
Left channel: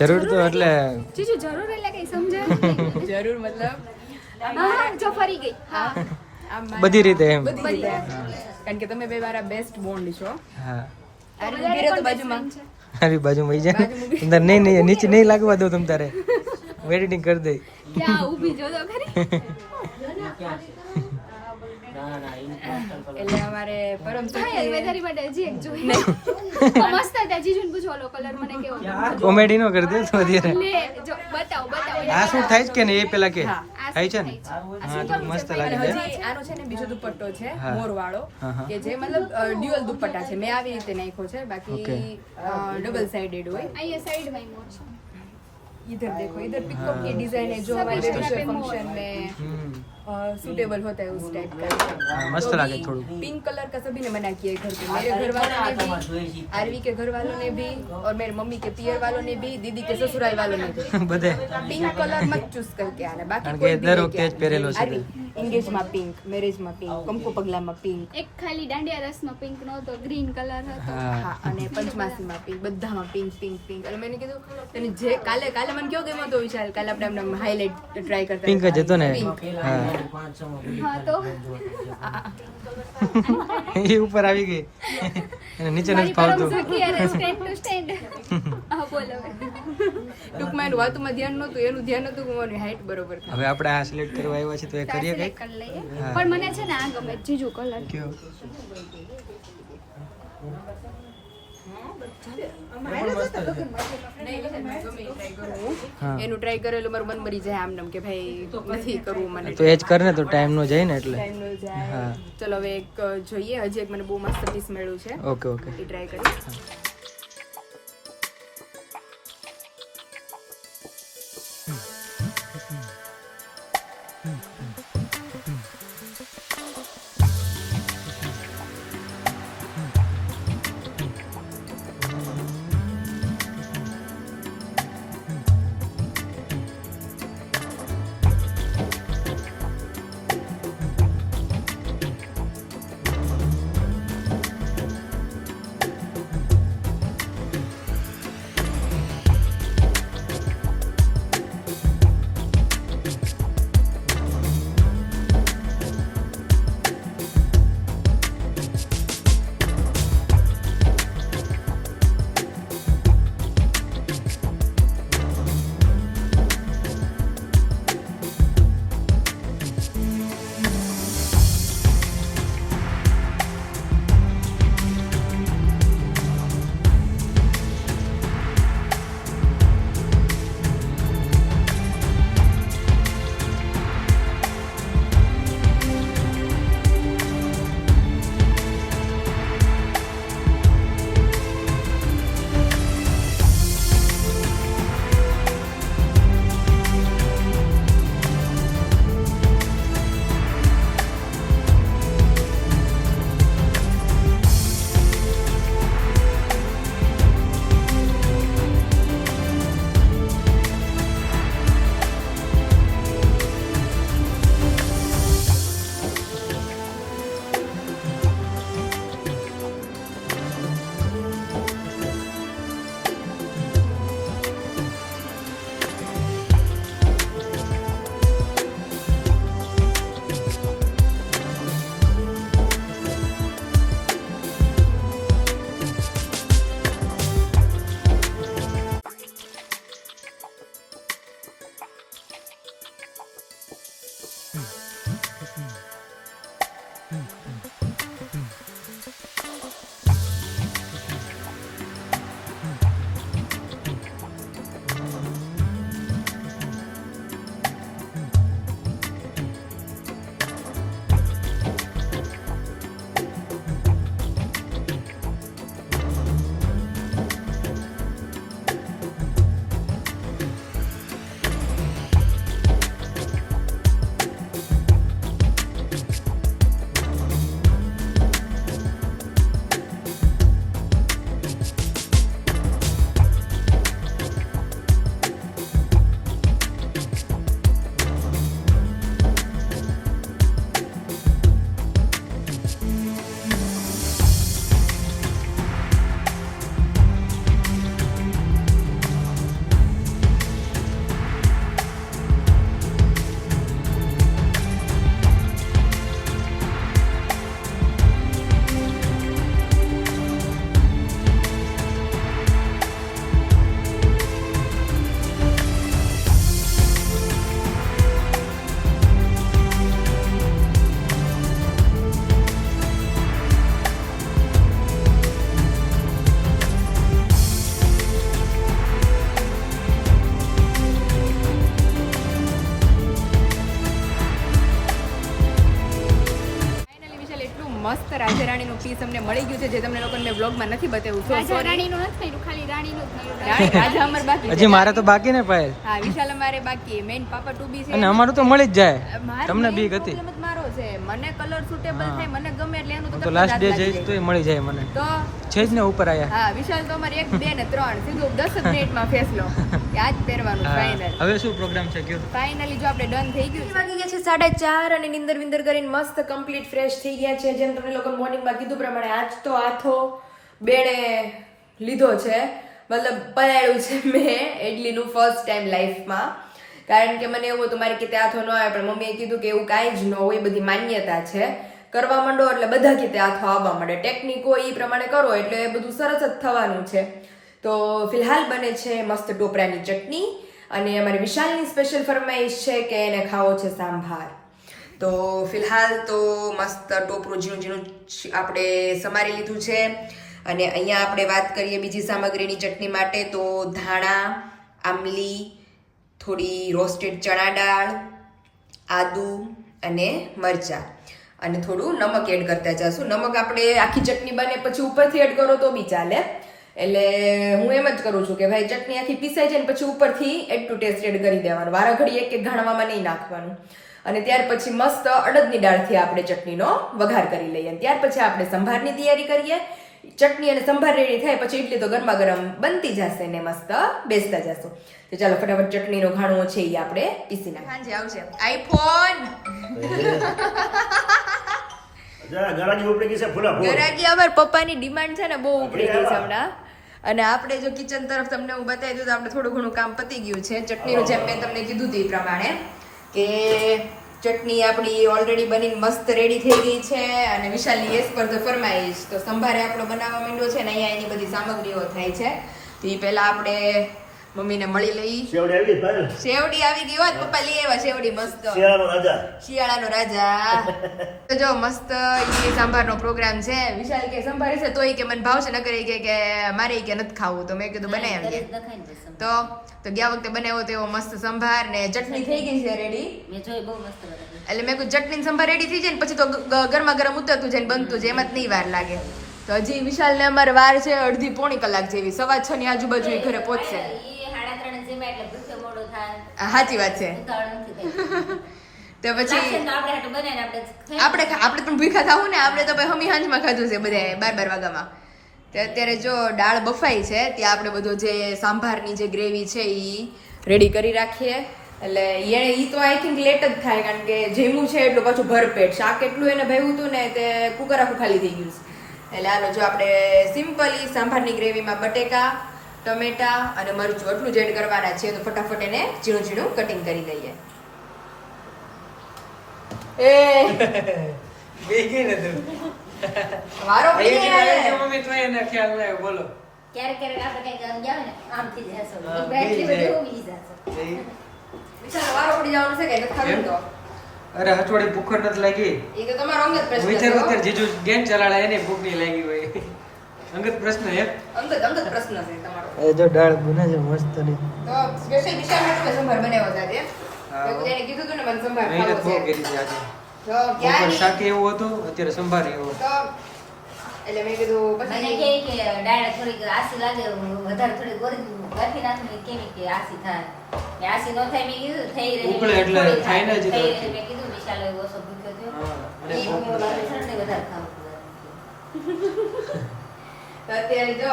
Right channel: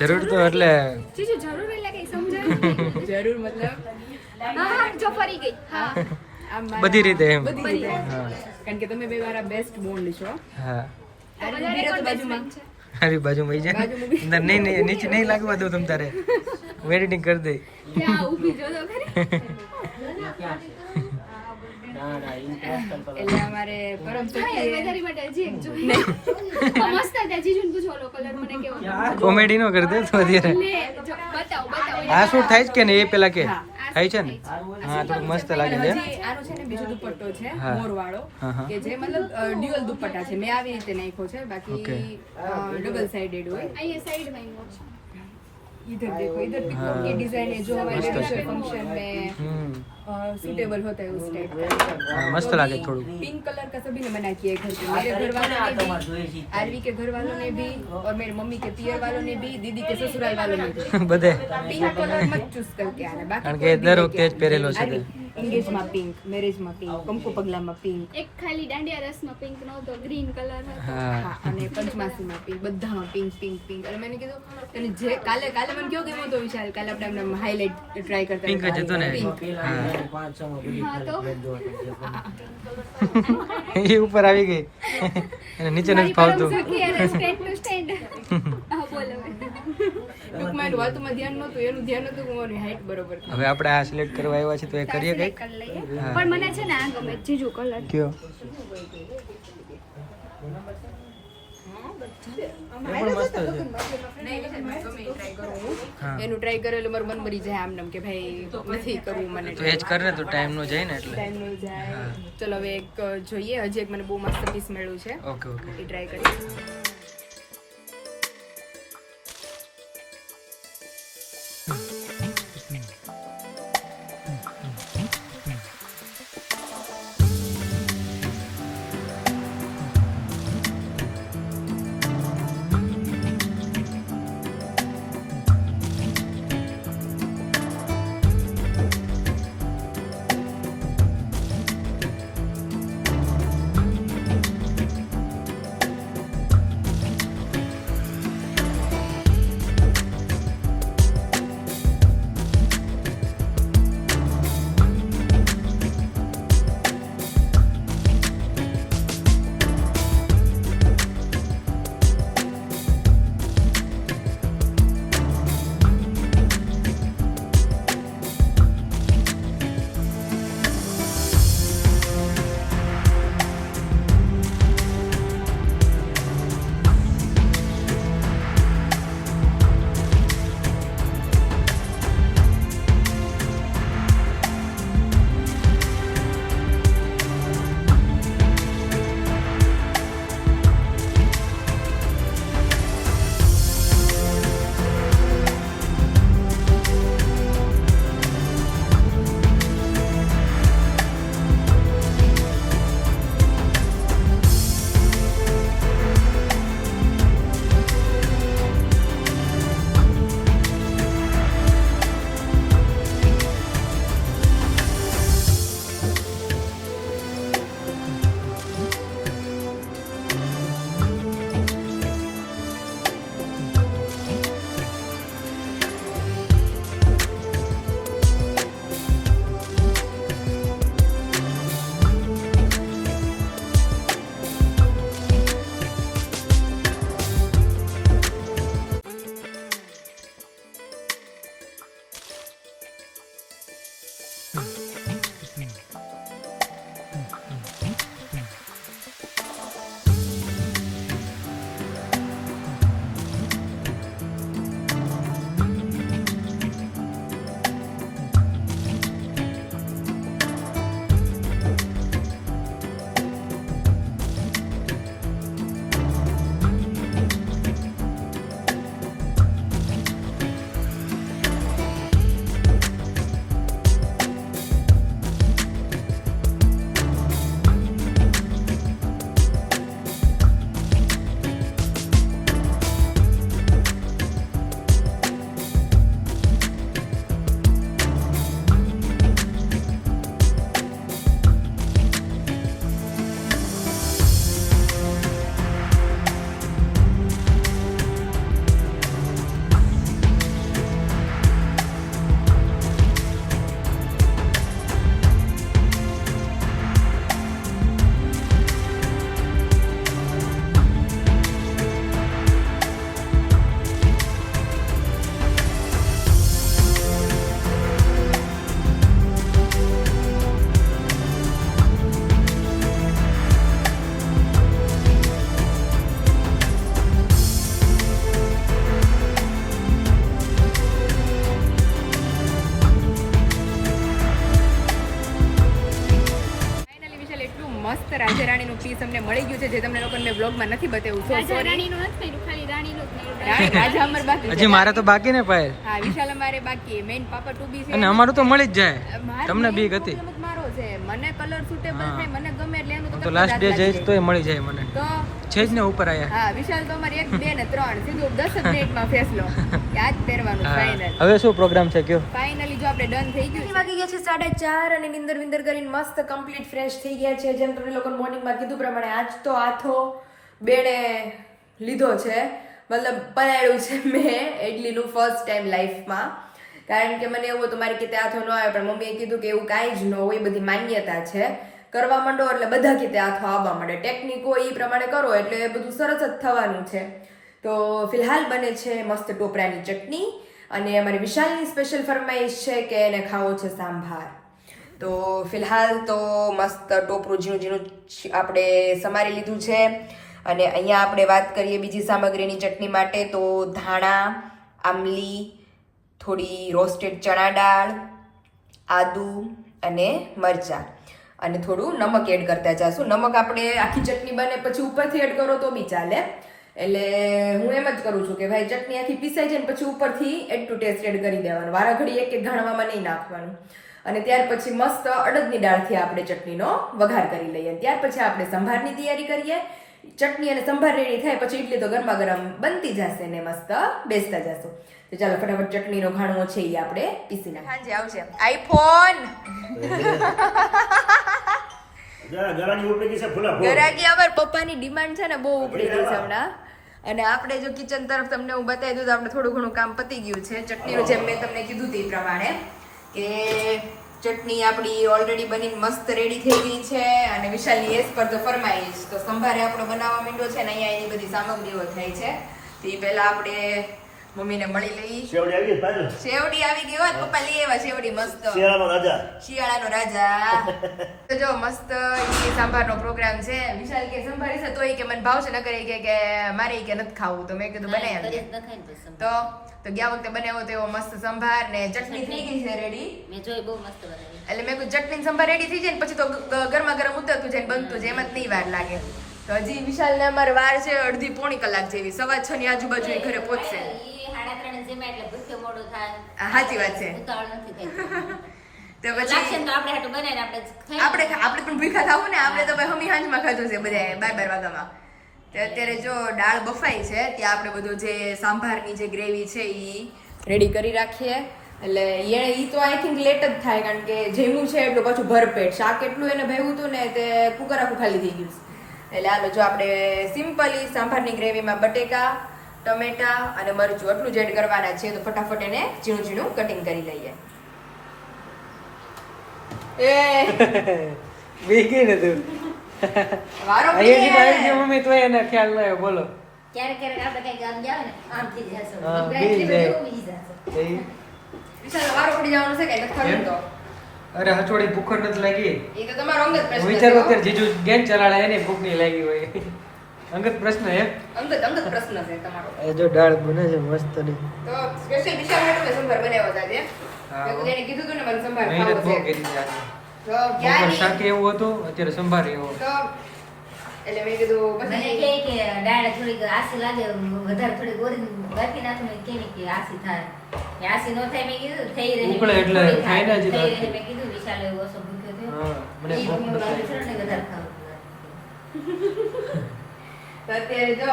જરૂર તો એટલે જીજુ જરૂર એટલે કઈ સમજાયું જરૂર મતલબ હા જો ફરી ગઈ આમ મારા- બધી રીતે એમ. બધી રીતે કારણ કે તમે બે મારા બેસ્ટ બોન્ડ છો હા આ ઊભી રહે તો બાજુમાં આવી બાજુ વહી જાય બાજુમાં બી- અંદર નહીં નહીં નીચે નહીં લાગવા દો તમ તારે એડિટિંગ કરી દઈ જા ઊભી જો તો ખરી એટલે અમારે પરમ હા સખી યાર વધારે માટે હજી એક જો મસ્ત હતા જીજુને પૂછો ઓલો કલર મને કેવો કોમેડી નો કરી દે તો અત્યારે લે જો બતાવો બતાવો આ શૂટ થાય જ કે નહીં એ પેલા કે હા. થાય છે ને હા તો મસ્ત લાગે અને છે હજી આનો છે ને બીજો દુપટ્ટો છે હા. મોર વાળો હા, હા. કે જે મતલબ ડ્યુઅલ દુપટ્ટા છે મેં આવી રીતે નાખ્યો છે બાકી Okay. ડબલ સાઇડેડ હોય અહીંયા સાઈડમાં મોર છે इधर देखो इधर पिकअप की डिजाइन है जो हमारे बेबी शॉवर फंक्शन में હમ सूटेबल होता है उस टाइप का हाँ, मस्त लगे थोड़ा। पिंक कलर का सभी ने मना किया है घर पे मेरे घर वालों ने भी आरवी के घर वालों ने भी और मेरे मम्मी के पियर वालों ने भी दीदी के ससुराल वालों ने भी બધે पिंक कलर मत चूज करके आना बाकी કારણ कोई કે भी દર लेके વખતે જ आना। પહેરેલો છે તે. एंगेज में पिंक मैरिज में पिंक कंकु पगला में पिंक એક ખાલી દાંડિયા રસમાં પિંક નહોતો ગ્રીન કલર હતો હા હા અને પંચમાસીમાં પિંક બધામાં પિંક પિંક પિંક એટલે મેં કીધું તને જે કાલે મને કયો ગમ્યો તો વિશાલ કાલે આપણે આમ હાઇલાઇટ ટ્રાય કરતા પિંક જ હતો ને Pink. હા હા તો એ ઉપર આવી ગઈ અને નીચે નથી મારી પરમ ફાવતું સખી યાર સ્ટેન્ડ ટુ સ્ટેન્ડ હા બોલો ટૂંકમાં એનું વાતમાં ધ્યાન નહોતું એનું ધ્યાન હતું કે મારી હાઈટ બરોબર થાય. હવે આપણે આ સિલેક્ટ કરવા આવ્યા છે તો એ કરીએ સિલેક્ટ કઈક કરી લઈએ હા. પણ મને છે ને આ ગમે જીજુ કલર કયો હા. એનું ટ્રાય કરેલું મારું મન મરી જાય આમ કે ભાઈ નથી કરવું મને તો એ જ કર ને તો ટાઈમ નો જાય ને એટલે ટાઈમ નો જાય હા. ચલો હવે એક જોઈએ હજી એક મને બહુ મસ્ત પીસ મળ્યું છે ઓકે ઓકે એ ટ્રાય કરી રાણીનું પીસ અમને મળી ગયું છે જે તમને લોકોને મેં બ્લોગમાં નથી બતાવ્યું. સો રાજા સોરી. રાણીનું નથી કર્યું, ખાલી રાણીનું જ કર્યું. રાજા અમારે બાકી છે. હજી મારે તો બાકી ને પાયલ. હા વિશાલ અમારે બાકી મેઇન પાપા ટુ બી છે. અને અમારું તો મળી જ જાય. મારો તમને main બીક હતી. problem જ મારો છે. મને કલર સુટેબલ હા. થાય મને ગમે એટલે એનું હું તો તો લાસ્ટ ડે જઈશ તોય મળી જાય મને. તો છે જ ને ઉપર આયા. હા વિશાલ તો અમારે 1 2 ને 3 સીધું 10 જ મિનિટમાં ફેસલો કે આજ પહેરવાનું હા. ફાઇનલ. હવે શું પ્રોગ્રામ છે કયો? ફાઇનલી જો આપણે ડન થઈ ગયું. વાગી ગયા છે 4:30 અને નિંદર વિંદર કરીને મસ્ત કમ્પ્લીટ ફ્રેશ થઈ ગયા છે. જેમ તમને લોકો મોર્નિંગમાં કીધું પ્રમાણે આજ તો આથો બેડે લીધો છે, મતલબ પલાળ્યું છે મેં ઇડલીનું ફર્સ્ટ ટાઈમ લાઈફમાં. કારણ કે મને એવું હતું મારી કીતે આથો ન આવે, પણ મમ્મીએ કીધું કે એવું કાંઈ જ ન હોય, બધી માન્યતા છે, કરવા માંડો એટલે બધા કીતે આથો આવવા માંડે, ટેકનિકો એ પ્રમાણે કરો એટલે એ બધું સરસ જ થવાનું છે. તો ફિલહાલ બને છે મસ્ત ટોપરાની ચટણી અને અમારી વિશાલની સ્પેશિયલ ફરમાઈશ છે કે એને ખાવો છે સાંભાર. તો ફિલહાલ તો મસ્ત ટોપરું ઝીણું ઝીણું આપણે સમારી લીધું છે. અને અહીંયા આપણે વાત કરીએ બીજી સામગ્રીની ચટણી માટે તો ધાણા, આમલી, થોડી રોસ્ટેડ ચણા દાળ, આદુ અને મરચાં અને થોડું નમક એડ કરતા જઈશું. નમક આપણે આખી ચટણી બને પછી ઉપરથી એડ કરો તો બી ચાલે. એટલે હું એમ જ કરું છું કે ભાઈ ચટણી આખી પીસાઈ જાય ને પછી ઉપરથી એડ ટુ ટેસ્ટ એડ કરી દેવાનું, વારા ઘડી એક એક ઘાણવામાં નહીં નાખવાનું. અને ત્યાર પછી મસ્ત અડદની દાળથી આપણે ચટણીનો વઘાર કરી લઈએ. ત્યાર પછી આપણે સંભારની તૈયારી કરીએ. ચટણી અને સંભાર રેડી થાય પછી ઇડલી તો ગરમા ગરમ બનતી જશે ને મસ્ત બેસતા જશું. તો ચાલો ફટાફટ ચટણીનો ઘાણો છે એ આપણે પીસી નાખીએ. આવશે આઈફોન ગરાગી ઉપડી ગઈ છે ફૂલા ફૂલ. ગરાગી અમાર પપ્પાની ડિમાન્ડ છે ને બહુ ઉપડી ગઈ છે હમણાં. અને આપણે જો કિચન તરફ તમને હું બતાવી દઉં તો આપણે થોડું ઘણું કામ પતી ગયું છે. ચટણીનું જેમ મેં તમને કીધું હતું એ પ્રમાણે કે ચટણી આપણી ઓલરેડી બનીને મસ્ત રેડી થઈ ગઈ છે. અને વિશાલની એસ પર તો ફરમાઈશ તો સંભારે આપણો બનાવવા માંડ્યો છે ને અહીંયા એની બધી સામગ્રીઓ થાય છે. તો એ પહેલા આપણે મમ્મીને મળી લઈ. શેવડી આવી ગઈ ફાઇનલ. શેવડી આવી ગઈ હોત પપ્પા લઈ આવ્યા શેવડી મસ્ત શિયાળાનો રાજા. શિયાળાનો રાજા. તો જો મસ્ત ઈડલી સાંભારનો પ્રોગ્રામ છે. વિશાલ કે સંભાર છે તોય કે મને ભાવશે ન કરે કે મારે કે નથી ખાવું. તો મેં કીધું બનાવી તો ગયા વખતે બનાવ્યો તો એવો મસ્ત સંભાર ને ચટણી થઈ ગઈ છે રેડી. મેં જોઈ બહુ મસ્ત બનાવી. એટલે મેં કીધું ચટણી સંભાર રેડી થઈ જાય ને પછી તો ગરમા ગરમ ઉતરતું જાય ને બનતું જાય, એમાં જ નહીં વાર લાગે. તો હજી વિશાલ ને અમારે વાર છે અડધી પોણી કલાક જેવી. 6:15 ની આજુબાજુ એ ઘરે પહોંચશે. ઈ 3:30 જેમાં એટલે ભૂખ્યો મોડું થાય. સાચી વાત છે. ઉતાવળ નથી થઈ. તો લાગશે પછી ને તો આપણે હાટું બનાવીને આપણે ખાઈ. આપણે પણ ભૂખા થવું ને. આપણે તો ભાઈ હમી હાંજમાં ખાધું છે બધાએ 12 વાગ્યામાં. તો અત્યારે જો દાળ બફાઈ છે ત્યાં આપણે બધો જે સાંભારની જે ગ્રેવી છે એ રેડી કરી રાખીએ. એટલે એ તો આઈ થિંક લેટ જ થાય કારણ કે જેમું છે એટલું પાછું ભરપેટ શાક એટલું એને ભાવ્યું હતું ને તે કુકર આખું ખાલી થઈ ગયું છે. એટલે હાલો જો આપણે સિમ્પલી સાંભારની ગ્રેવીમાં બટેકા, ટમેટા અને મરચું એટલું જ એડ કરવાના છે. તો ફટાફટ એને ઝીણું ઝીણું કટિંગ કરી લઈએ. બીગી ને તું. વારો મમ્મી તો એને ખ્યાલ ન આવ્યો બોલો. ક્યારેક આપણે કંઈક આમ જાવ ને આમથી જશો. હા, બેઠી બી જાય. ઊભી જશો. વિશાલ વારો પડી જવાનું છે કે નથી ખાવું તો અરે હથવાડી ભૂખ નથી લાગી. એ તો તમારો અંગત પ્રશ્ન છે વિચાર હો. અત્યારે જીજુ ગેમ ચલાડે એને ભૂખ નહીં લાગી હોય. અંગત પ્રશ્ન હે. અંગત પ્રશ્ન છે તમારો. એ જો દાળ બને છે મસ્ત ની. તો સ્પેશિયલ વિશાલ માટે મેં સંભાર બનાવ્યો હતા તે. હા. તો એને કીધું હતું ને મને સંભાર મહેનત ખાવો બહુ છે. કરી છે આજે. તો બપોર ક્યાંય શાક એવું હતું અત્યારે સંભાર એવો. તો એટલે મેં કીધું મને પછી કહે કે દાળ થોડીક આસી લાગે વધારે થોડી ગોરી ગાંઠી નાખું મેં કેવી કે આસી થાય. ને આસી ન થાય મેં કીધું થઈ રહે. ઉકળે એટલે થોડી થાય ને જ થઈ રહે. તો. મેં કીધું વિશાલ એવો ઓછો ભૂખ્યો થયો. હા મને ભૂખ નથી લાગી. વિશાલને વધારે ખાવું. તો અત્યારે જો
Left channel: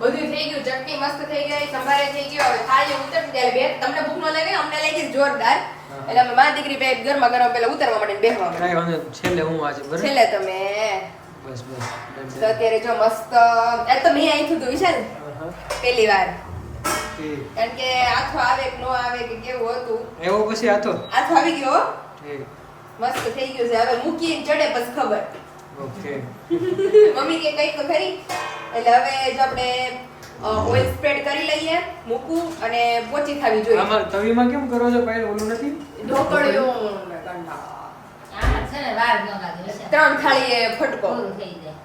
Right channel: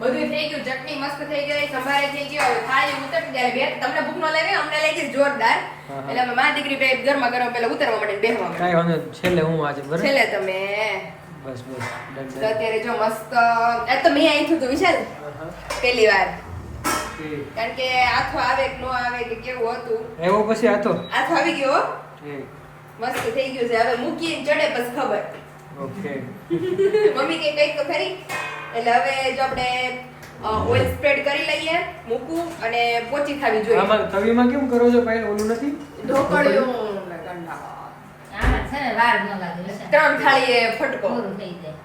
બધું થઈ ગયું, ચટણી મસ્ત થઈ ગઈ, સંભારે થઈ ગયો, હવે થાળી ઉતરતી ત્યારે બે તમને ભૂખ ન લાગે અમને લાગી જોરદાર. હા. એટલે અમે માં દીકરી બે ગરમા ગરમ પેલા ઉતરવા માટે બેહવા માંડ્યા. કાંઈ વાંધો નહીં. છેલ્લે હું આજે બરાબર. છેલ્લે તમે બસ બસ ડન તો ડન. અત્યારે જો મસ્ત એ તો મેં આઈ થયું વિશાલ હા. પહેલી વાર ઠીક. કારણ કે આથો આવે કે ન આવે કે કેવું હતું. એવો પછી આતો. આથો આવી ગયો હો. ઠીક. મસ્ત થઈ ગયું છે. હવે મૂકી ચડે પછી ખબર. ઓકે. મમ્મી કે કઈ તો ખરી. એટલે હવે જો આપણે ઓઇલ સ્પ્રેડ કરી લઈએ, મૂકું અને પોચી થવી જોઈએ. આમાં તવીમાં કેમ કરો છો કાંઈ ઓલું નથી? ઢોકળિયું આમાં છે ને વાર ન લાગે વિશાલ. 3 થાળીએ ફટકો. પૂરું થઈ જાય.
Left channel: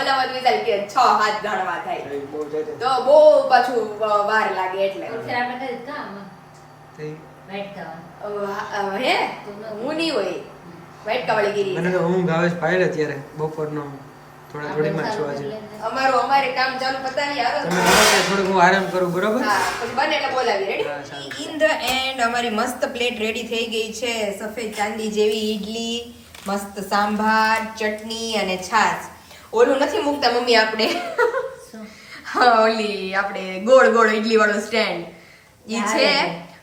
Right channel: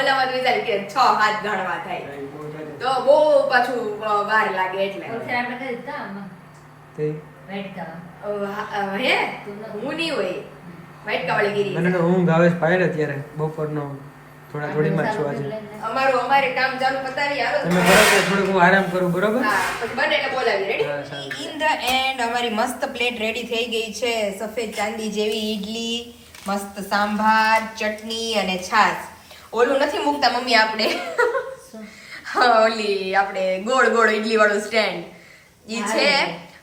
ઓલામાં વિચાર કે 6-7 ગણવા થાય એ બહુ જાડી. તો બહુ પાછું વાર લાગે એટલે. તો ફેર આપણે કરી કામ થઈ. વેટ ખાવાનું. હે હું નહીં હોય વાટકાવાળી ગીરી મને તો ઊંઘ આવે છે પાડે ત્યારે બપોરનો થોડીમાં છું આજે. અમારે કામ ચાલુ પતાવી આવો તમે કરો કે થોડુંક હું આરામ કરું, બરોબર? હા પછી બને એટલે બોલાવી હા, રેડી સારું. ઇન ધ એન્ડ અમારી મસ્ત પ્લેટ રેડી થઈ ગઈ છે. સફેદ ચાંદી જેવી ઈડલી, મસ્ત સાંભાર, ચટણી અને છાશ. ઓલું નથી મૂકતા મમ્મી આપણે હા ઓલી આપણે ગોળ ગોળ ઈડલી વાળું સ્ટેન્ડ ઈ છે.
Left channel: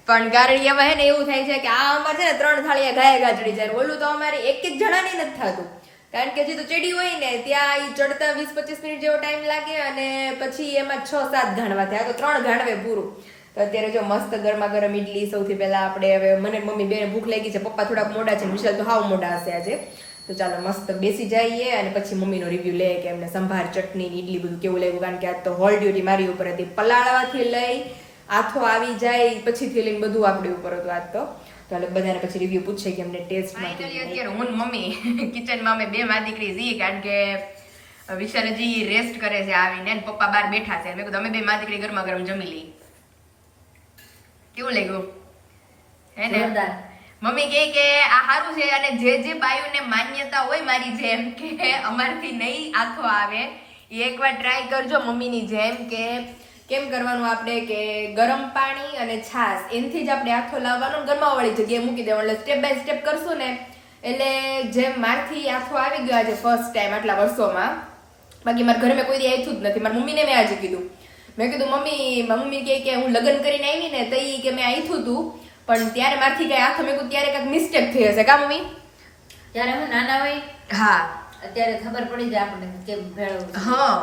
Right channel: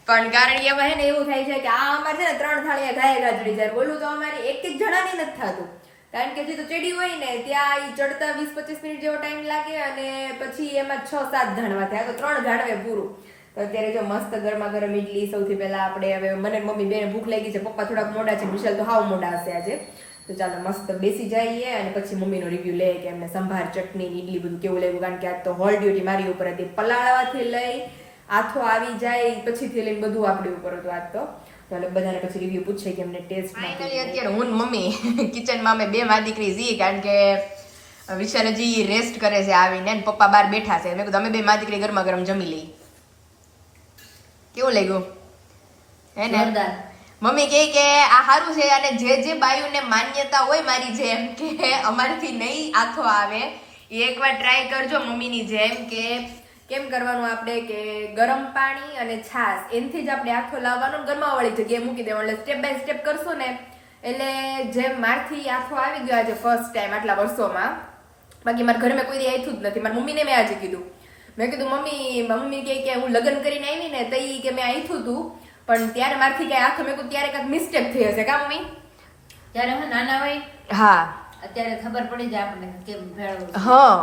પણ કારણ એમાં હે ને એવું થાય છે કે આ અમારે છે ને 3 થાળીયા ગાય ગા ચડી જાય. ઓલું તો અમારે એક જણાની નથી થતું, કારણ કે હજી તો ચડી હોય ને ત્યાં ઈ ચડતા 20-25 મિનિટ જેવો ટાઈમ લાગે અને પછી એમાં 6-7 ઘાણવા થાય. તો 3 ઘાણવે પૂરું. તો અત્યારે જો મસ્ત ગરમા ગરમ ઈડલી સૌથી પહેલા આપણે હવે મને ને મમ્મી બેને ભૂખ લાગી છે. પપ્પા થોડાક મોડા છે, વિશાલ તો હાવ મોડા હશે આજે. તો ચાલો મસ્ત બેસી જઈએ અને પછી મમ્મીનો રિવ્યુ લઈએ કે એમને સંભાર, ચટણી, ઈડલી બધું કેવું લાગ્યું. કારણ કે આજ તો હોલ ડ્યુટી મારી ઉપર હતી. પલાળવાથી લઈ આથો આવી જાય પછીથી લઈને બધું આપણી ઉપર હતું આજ તો. ચાલો બધાને પછી રિવ્યુ પૂછે કે અમને ટેસ્ટ ફાઇનલી અત્યારે હું ને મમ્મી કિચનમાં અમે બે માં દીકરી જી, કારણ કે વિશાલ હજી રેસ્ટ કરે છે આવીને ને પપ્પા બહાર બેઠા છે. મેં કીધું અમે બે માં દીકરી ગરમા ગરમ જમી લઈ. કેવું લાગ્યું હે ને? જોરદાર. મમ્મી કહે કે આ સારું છે અને જે બાયુને માન્યતા હોય મારી જેમ કે અમારથી નહીં આથો આવે એ એકવાર ટ્રાય કરજો મમ્મીની જેમ. કે કેમ કરવાનું આપણે કે ગરમ પાણી અને છાશ એનથી જ આપણે આથો લાવવાનો, ગરમાવાળી જગ્યાએ મૂકી દેવાનો. એટલે સ્ટેપ બાય સ્ટેપ કરશો ને એટલે જેમ મારથી આથો આવી ગયો આજે ફર્સ્ટ ટાઈમ આટલા વર્ષોમાં. બાકી મારા ઘરે મેં કોઈ દી આથું જ નથી. મારી મમ્મીને મેં આજે કીધું, મેં કીધું મમ્મી કે હું લગ્ન કરીને આવી ને તઈ કે મેં આથું હતું પણ ત્યારે મારથી કઈ આથો મેં કીધું ત્યારે કાંઈક મિસ્ટેક થઈ હશે કા મમ્મી? ત્યારે હું નાના હોય હા અત્યારે ખબર પડી જાય આપણને કેમ ભેળવવું છે. હા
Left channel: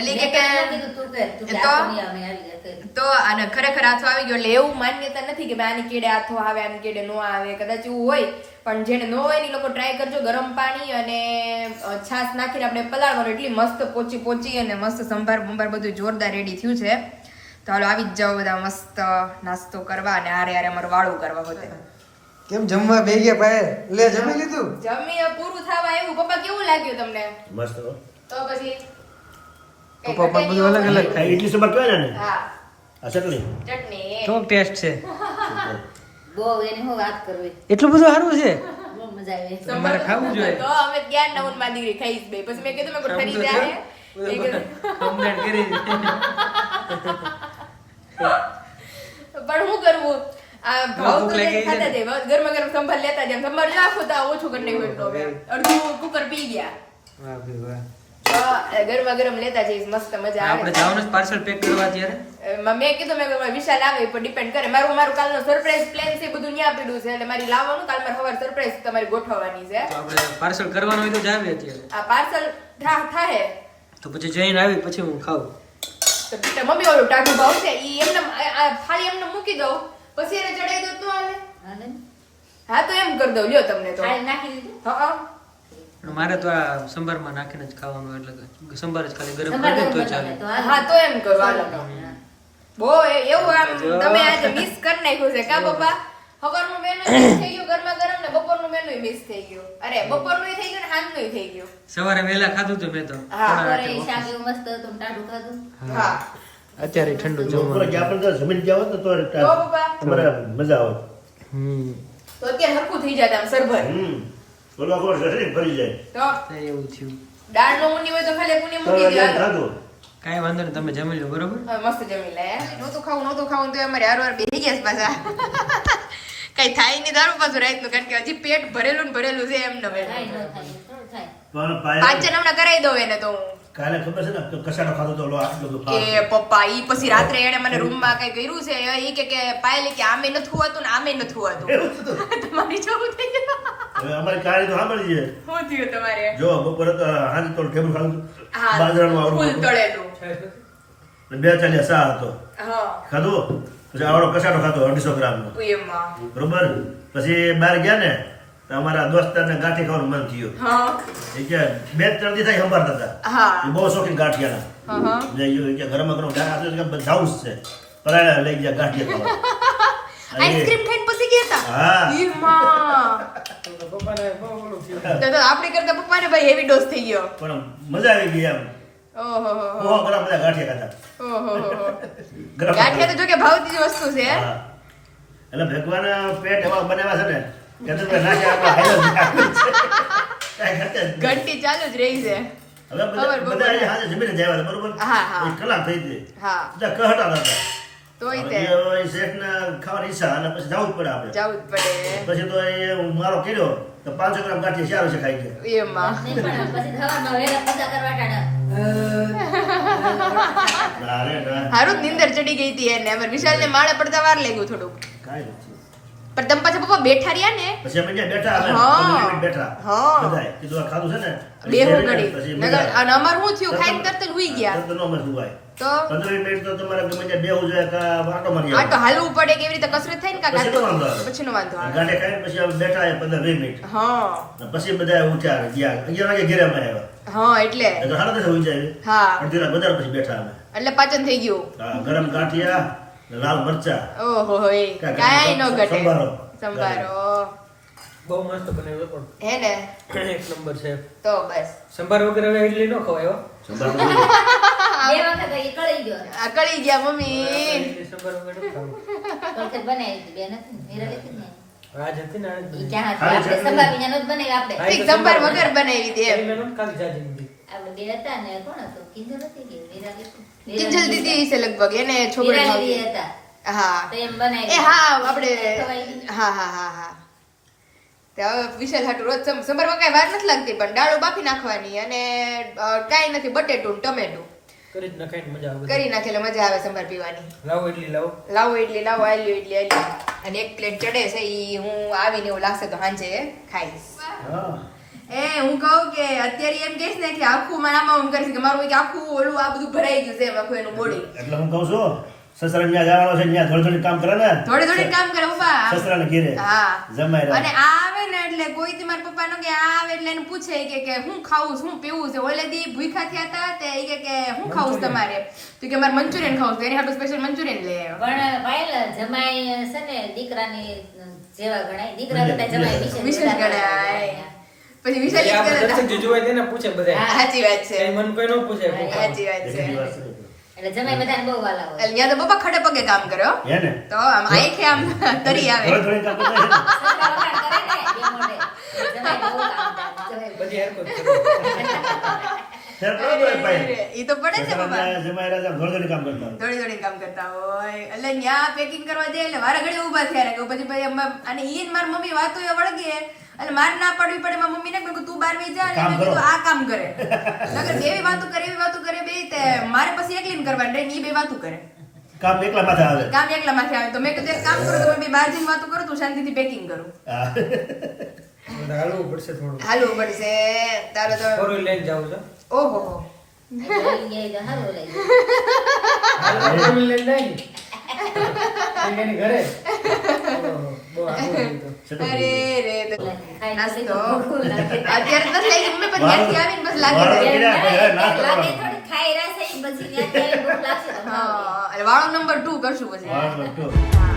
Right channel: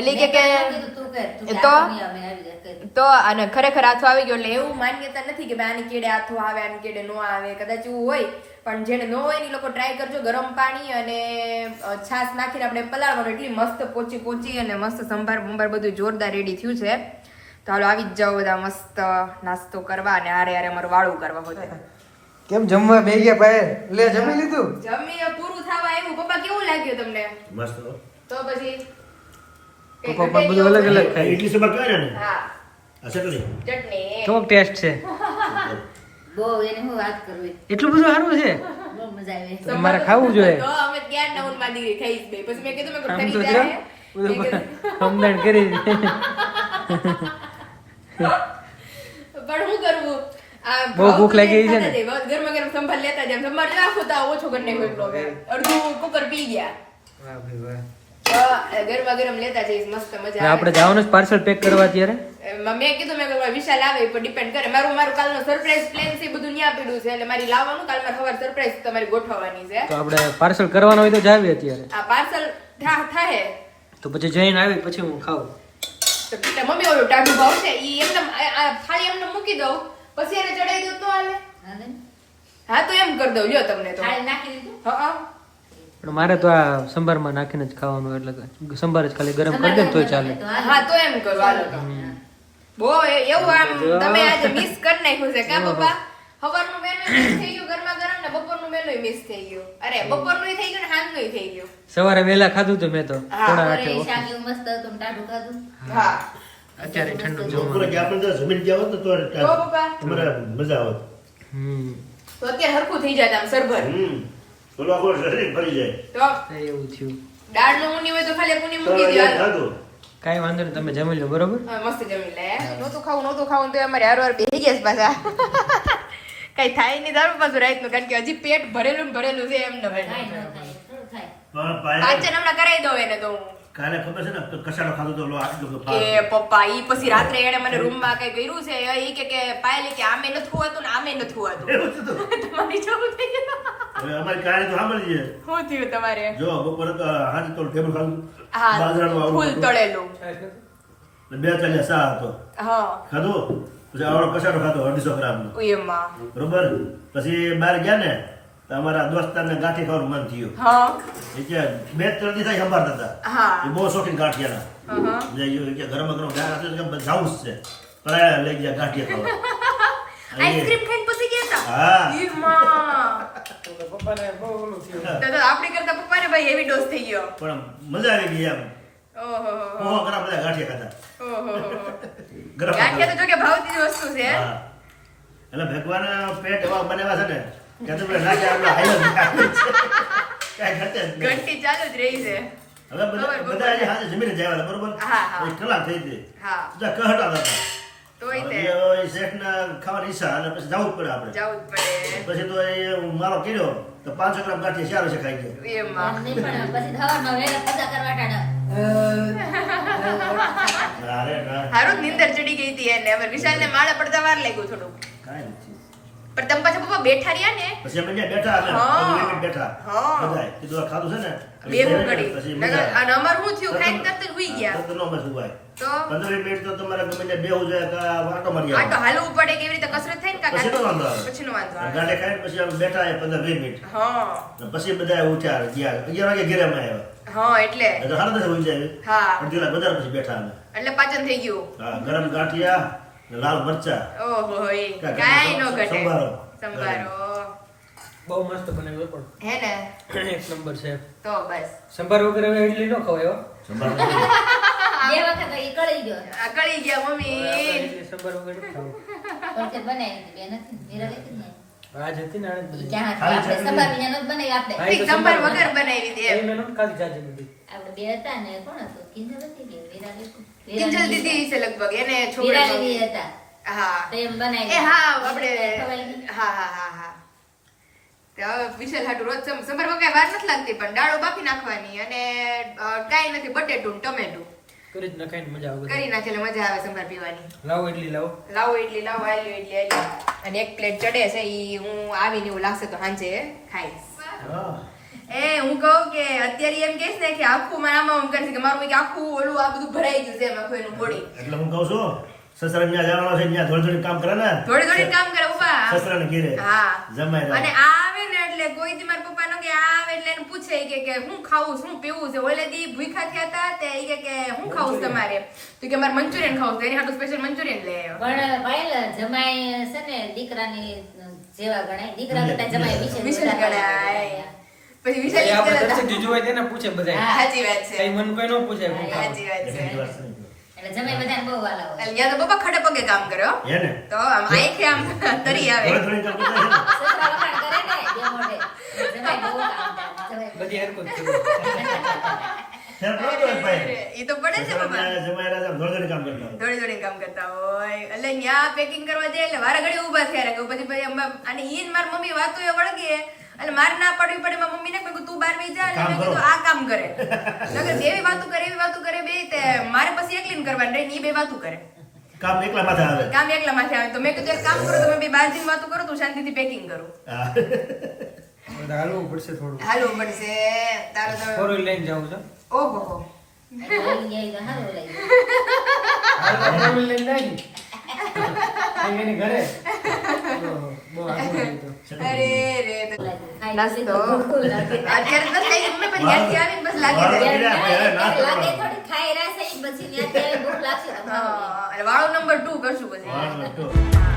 એટલે કે મેં તને કીધું તું કર, તું કે તો- આ નહીં આવે, આવી જાય કર. તો અને ખરેખર આથો આવી ગયો. એટલે એવું માન્યતા નથી કે ભાઈ આની કેડે આથો આવે આની કેડે નો આવે, કદાચ એવું હોય. પણ જેને નો હોય ને એ લોકો ટ્રાય કરજો. ગરમ પાણી અને છાશ નાખીને આપણે પલાળવાનું. એટલી મસ્ત પોચી અને મસ્ત સંભાર બધું જોરદાર રેડી થયું છે. તો હાલો આવી જ જાઓ બધા મસ્ત નાસ્તો કરવા અને હારે અમારું વાળું કરવા હોતે. કેમ જમવા બે ગયા પાયે? લે જમી લીધું? જમી પૂરું થવા આવ્યું. પપ્પા કેવું લાગ્યું તમને? મસ્ત હો. તો પછી પપ્પા પણ બધું અલગ અલગ આ ખાય. ઈડલી સંભાર કહેવાય ને? હા આ ચટણી. ચટણી કેવો ટેસ્ટ છે? બહુ એની હું વાત કરવી, એટલું બધું સારું છે? બહુ મજા આવે. તો મારે ખાવું જોઈએ. તો અમે ત્યાં નવું માં દીકરી ખાઈશ બે. પછી મેં કીધું મેં કોઈ ફરી જાય મેં કીધું સમજણ કરી. પણ શું કરવું આ બહુ ભાવ ભૂખ તો લાગી ખાતા છે ને? જાય. ગરમા ગરમ સંભાર લેતા જાય. સંભાર નાખો તો ઓછું કરી નાખ્યું. અડધું કુકર પી ગયા. વાહ ભાઈ વાહ. તો ગરમા ગરમ લેતા જઈશ. મસ્ત મજા આપણે આવે. જવાનું પાર્સલ પેક કરવા ત્યારે. મેં કીધું મેં કીધું વિશાલ આવે પર ડિપેન્ડ કરે. મારું કાલનો સરપ્રાઈઝ પ્લાન છે બધું ન્યા પડ્યું છે. એટલે મારી લાવવાનું કાલ મારે સવાર સરપ્રાઈઝ તમારી ગોઠવવાની છે. તો આપણે પાર્સલ કરવાનું હોય તો જાવીએ અત્યારે. આ પાર્સલ થાય તો પછી જઈને આવી પછી હું ખાઉં. તો મમ્મી ઓલું ટાઢું ભાવ છે ઈ એમને ખાલી એમને મૂકી દઉં પછી એને ચડાઈ દઉં તો હાલે. હાલે ને? હા તો એમ કરી દઉં લ્યો તમને તો. ખાલી નાખી દીધું. હા પણ મારે તો આ સંભારમાં નાખીને જ ખાવાનું, એટલે કે સંભાર જ ખાલી ગરમ સંભાર કરી દે તો ગરમ ચાલે. બનાવે તો હાલે. હા તો એમ કરો હાલો તો. બહુ એવું આમ તમે આજે મિસ કરી નાખ્યું છે કા પપ્પા? સવારનું મેનુ મિસ થઈ ગયું ગરમા ગરમ ને બપોરનું મેનુ મિસ થઈ ગયું. અરે બપોરનું થઈ ગયું ને સાંજનું થઈ ગયું. સવારે વહેલા ખાધું તો મેં તો. હા, પણ બપોરે આ શાક એવું મસ્ત હતું, ટાઢું ખાધું. હા અત્યારે ઠંડુ બપોરે કે જમવાનું. આપણે ત્યાં જમીન ગયા હોત ને તો તો પપ્પા તમારે મજા આવત. હમ તો અત્યારે હરખું થઈ જાય આમ સરભર. બોલો આપણો શરીર ફરી જાય. તો કઈ એવું થયું. દાળનું ઊંડી હોય તો ખાલી કુની તો મૂકી દે આ હાલો. ખાધું. કાંઈ વાંધો નહીં, તમે જમી લો બરોબર. હવે મસ્ત જમી લે. નહોતું ખાવું તો અમારે હારવાર બેહી ગયા છે પાછા. કઈ થાય નહીં દારૂ પાછું રાતનું, કારણ કે હજી પેટ ભરેલું ને ભરેલું છે એમ થાય ન ન થાય, થોડું થાય. પણ પાયલ પાચન હમણાં કરાવી દઉં એને તો હું. કાલે ખબર છે ને તો કસાડો ખાધો તો ઓલો આટલો બધો કે ફાળ. પપ્પા ઈ પછી રાત્રે એને મને રૂમમાં કઈ કર્યું છે ઈ કે પાયલે કે આમે નથી હોતું ને આમે નથી હોતું. તમારી જેવું થઈ ગયું. હવે અમારી કહાની તો સાંભળી છે. શું થયું તમારે? જો બપોરે તો હાંજે તો ઢેબરું ખાધું. હા બાજરાનું આવડું ફૂલ હતું. તળેલું. ને 2 ચાલીયા સા હતો. હા ખાધું પછી આવડો કસાડો ખાધો 250 ગ્રામનો. એમાં બરોબર. પછી બહાર ગયા ને તો અમારા દોસ્તારને ગાંઠી ખાવાનું મન થયું. હા એ કે 2-3 દી થાય સંભાળતા હતા. હા એ બહુ શોખીન ગાંઠિયાના. હા જે ઈ કે ગરમ ગરમ જાઉં જ છે. પર આ લઈ ગયા ગાંઠિયા ખાવા. અને આઈસ્ક્રીમ ખાઈને પછી ગયા હતા. હા. એમાં તો આપણી કરતા પપ્પાને ભાઈ હેવી ડોઝ થઈ ગયો. પણ મજા આવી ગઈ એમ. ઓહો બહુ ગરમ બધા ગાંઠિયા ખાધા. ગાંઠિયા તો જો કે ભાવતી જ વસ્તુ છે. હા. એટલે ભગવાન પેટ એવા બનાવ્યા છે ને કે તમે નાખે આપણે હાઈલો જ કાંઈ ઘટે જ નહીં. ઘંટી ચાલુ જ રહી છે. હવે બધા અહીંયા હાથે જમીને જ આવ્યા હતા, બરોબર? હા, હા. એક કલાક થઈ ગઈ. હા બધા કહટાતા હતા. તોય તે હવે એ શેઠને ખાવાની ઈચ્છા અને પછી જવું જ પડે આપણે. જવું જ પડે પછી તો એ મારો કર્યો તો 500 ગ્રામ ગાંઠિયા ચાર વર્ષે ખાઈ ગયા. એમાં નહીં પણ પછી સવારમાં વહેલા પચા કરવા ટાણા. અરે ના, હારું જ નીંદર ચડી ગઈ હતી એને હવે વિશાલને માળે પડતા વાર લાગ્યું થોડું કાંઈ નથી. પણ તમે પાછા પપ્પા બેઠા રહ્યા ને પછી અમે ત્યાં બેઠા, અમે હા. 15 મિનિટ બેઠા હા. બધાય. કીધું આ ખાધું છે ને બેહું પછી ઘડી મજા આવે. અને અમારું શું થયું ખાઈને તરત જ હુઈ ગયા તરત નો અમે સુવાય. તો 15 મિનિટ તો તમારે ગમે ત્યાં બેહવું જોઈએ કે આટો મારી આ તો હાલવું પડે કેવી રીતે કસરત થાય ને પછી નો વાંધો આવે. પછીનો વાંધો આવે ગાંઠે ખાઈને પછી અમે બેઠા 15-20 મિનિટ. હા અને પછી બધા ઉઠ્યા ગયા 11 વાગે ઘરે અમે આવ્યા. હા એટલે એ તો સાડા 10 હોઈ જાય. હા પણ પેલા બધા પછી બેઠા અમે. એટલે પાચન થઈ ગયું હા, ગરમ ગાંઠિયા ને લાલ મરચા ઓહો એ કાંઈ કાંઈ નો ઘટે સંભારો. સંભારો બહુ મસ્ત બનાવ્યો પણ હે ને એક નંબર છે. તો બસ સંભાર વગર હવે ઇડલી નો ખવાય હો. સંભારો. બે વખત ઈ કળી ગયો. આ કળી ગયા મમ્મી ઇડલી સંભાર વગર નો ખાવું. પણ તે બનાવી હતી, બે નથી મીરા લેતી ને. આજ હતી ને આજ ઈ બધી. ક્યાં ખાલી હતી? આપણે ચટણી. સંભાર વિના નહોતું બનાવી આપણે. હા, એ તો સંભાર સંભાર વગર બનાવી હતી એમ એમને નહોતું ખાલી જાજી નથી. આપણે બે હતા ને કોણ હતું? કિંજલ હતી કે મીરા લેતી? કિંજલ દીદી છે લગભગ એને મીરા છોકરા દીદી હતા. હા તો એમ બનાવી. એ હા આપણે ખવાઈ ગઈ. હા હા હા હા તો હવે વિશાલ હાટુ રોજ સંભારમાં કઈ વાર નથી લાગતી પણ દાળો બાફી નાખવાની અને કાંઈ નથી બટેટું ટમેટું કરી જ નખાઈને મજા આવે કરી નાખે એટલે મજા આવે સંભાર પીવાની લાવો ઇડલી લાવો. લાવો ઇડલી લાવો આલ્યું ઇડલી આલ્યું અને એક પ્લેટ ચડે છે ઈ હું આવીને એવું લાગશે તો સાંજે ખાઈશ હા. એ હું કહું કે અત્યારે એમ કહીશ ને કે આખું મારામાં એમ કરીશ કે મારું એક આખું ઓલું આ બધું ભરાઈ ગયું છે એમ આખું એનું બોડી એટલે હું કહું છું સસરા ત્યાં જવાનો છે ત્યાં થોડી થોડી કામ કરે ને થોડી થોડી કામ કરે ઉભા સસરાને ઘેરે હા જમાઈ અને રહે. આ આવે ને એટલે કોઈ દી મારા પપ્પાનો કે આ આવે એટલે એને પૂછે કે હું ખાવું શું પીવું છે ઓલે દી ભૂખ્યા થયા હતા તે ઈ કે હું ખાવું છે તમારે તો કે મારે મંચુરિયન ખાવું છે એની હાટુ સ્પેશિયલ મંચુરિયન લઈ આવ્યો પણ પાયલ જમાઈ છે ને દીકરાની જેવા ગણાય. દીકરા કરતા જમાઈ વિશેષ ગણાય. પછી વિશાલ એ ઈ આપણે કરે દર્શક જીજુ હોય તેને પૂછે બધા. હા. સાચી વાત છે કઈ મન કોઈ ન પૂછે કોઈ કામ. સાચી વાત છે એટલી વાત છે. એટલે જમાઈ બધાને બહુ વાલા હોય. એટલે ત્યાં તો પપ્પા ખડે પગે કામ કર્યો હે ને? તો આમ આંખે આમ તરી આવે થોડી થોડી કામ કરતા હોય ને. સસરા વખાણ કરે ને બે મોઢે. જમાઈ બહુ કામ કરે. જમાઈ બધી હરકત કરે. ફેર પડે ને ભાઈ. ઈ તો પડે છે પપ્પા સસરાને જમાઈ રહ્યા થોડી થોડી કામ કરતા હોય. થોડી થોડી કામ કરતા હોય એટલે ન્યા પેકિંગ કરવા જાય એટલે વારા ઘડી ઊભા થયા રાખે પછી અને ઈ જ મારી મમ્મી વાતો એ વળગી એટલે માર ના પડવી પડે મારી મમ્મીને કે તું બાર વઈ જા કામ અને મેં કરો. કીધું આ કામ કરે નકર એવી વાતો કરે બે તે મારે પછી એકલીને કરવાની રહી ઈ બે વાતો કરે કામ એકલા માથે આવે. કામ એકલા માથે આવે તો મેં કીધું એક કામ કરો તમે બે બહાર જઈને વાતો કરો તું શાંતિથી પેકિંગ કરો હા. બધા હાલવું પડશે થોડું. હાલવું પડશે તારો તો ફોર વ્હીલ લઈને જાવું છે. ઓહો હો આવી ગયા તો સારું લાગ્યું. હાલવું ફોર વ્હીલ લઈને જાય ને. એની ઘરે. બહુ આગળ હતું તો. અરે રે ખાઈ નાસ્તો ભૂખ લાગે. અત્યારે તો થઈ ગઈ મમ્મી પણ ત્યાંથી આવીને બસ લાગે વાળો છે. કર્યા પછી હવે નાસ્તો લાગે કરવાનો. થોડી ખાઈ રહ્યા છે, ઈ પછી ત્યાંથી ભૂખ લાગશે તો ખાવું. હા એટલે વાળો નંબર 2 કરશું પછી વાળો તો. હા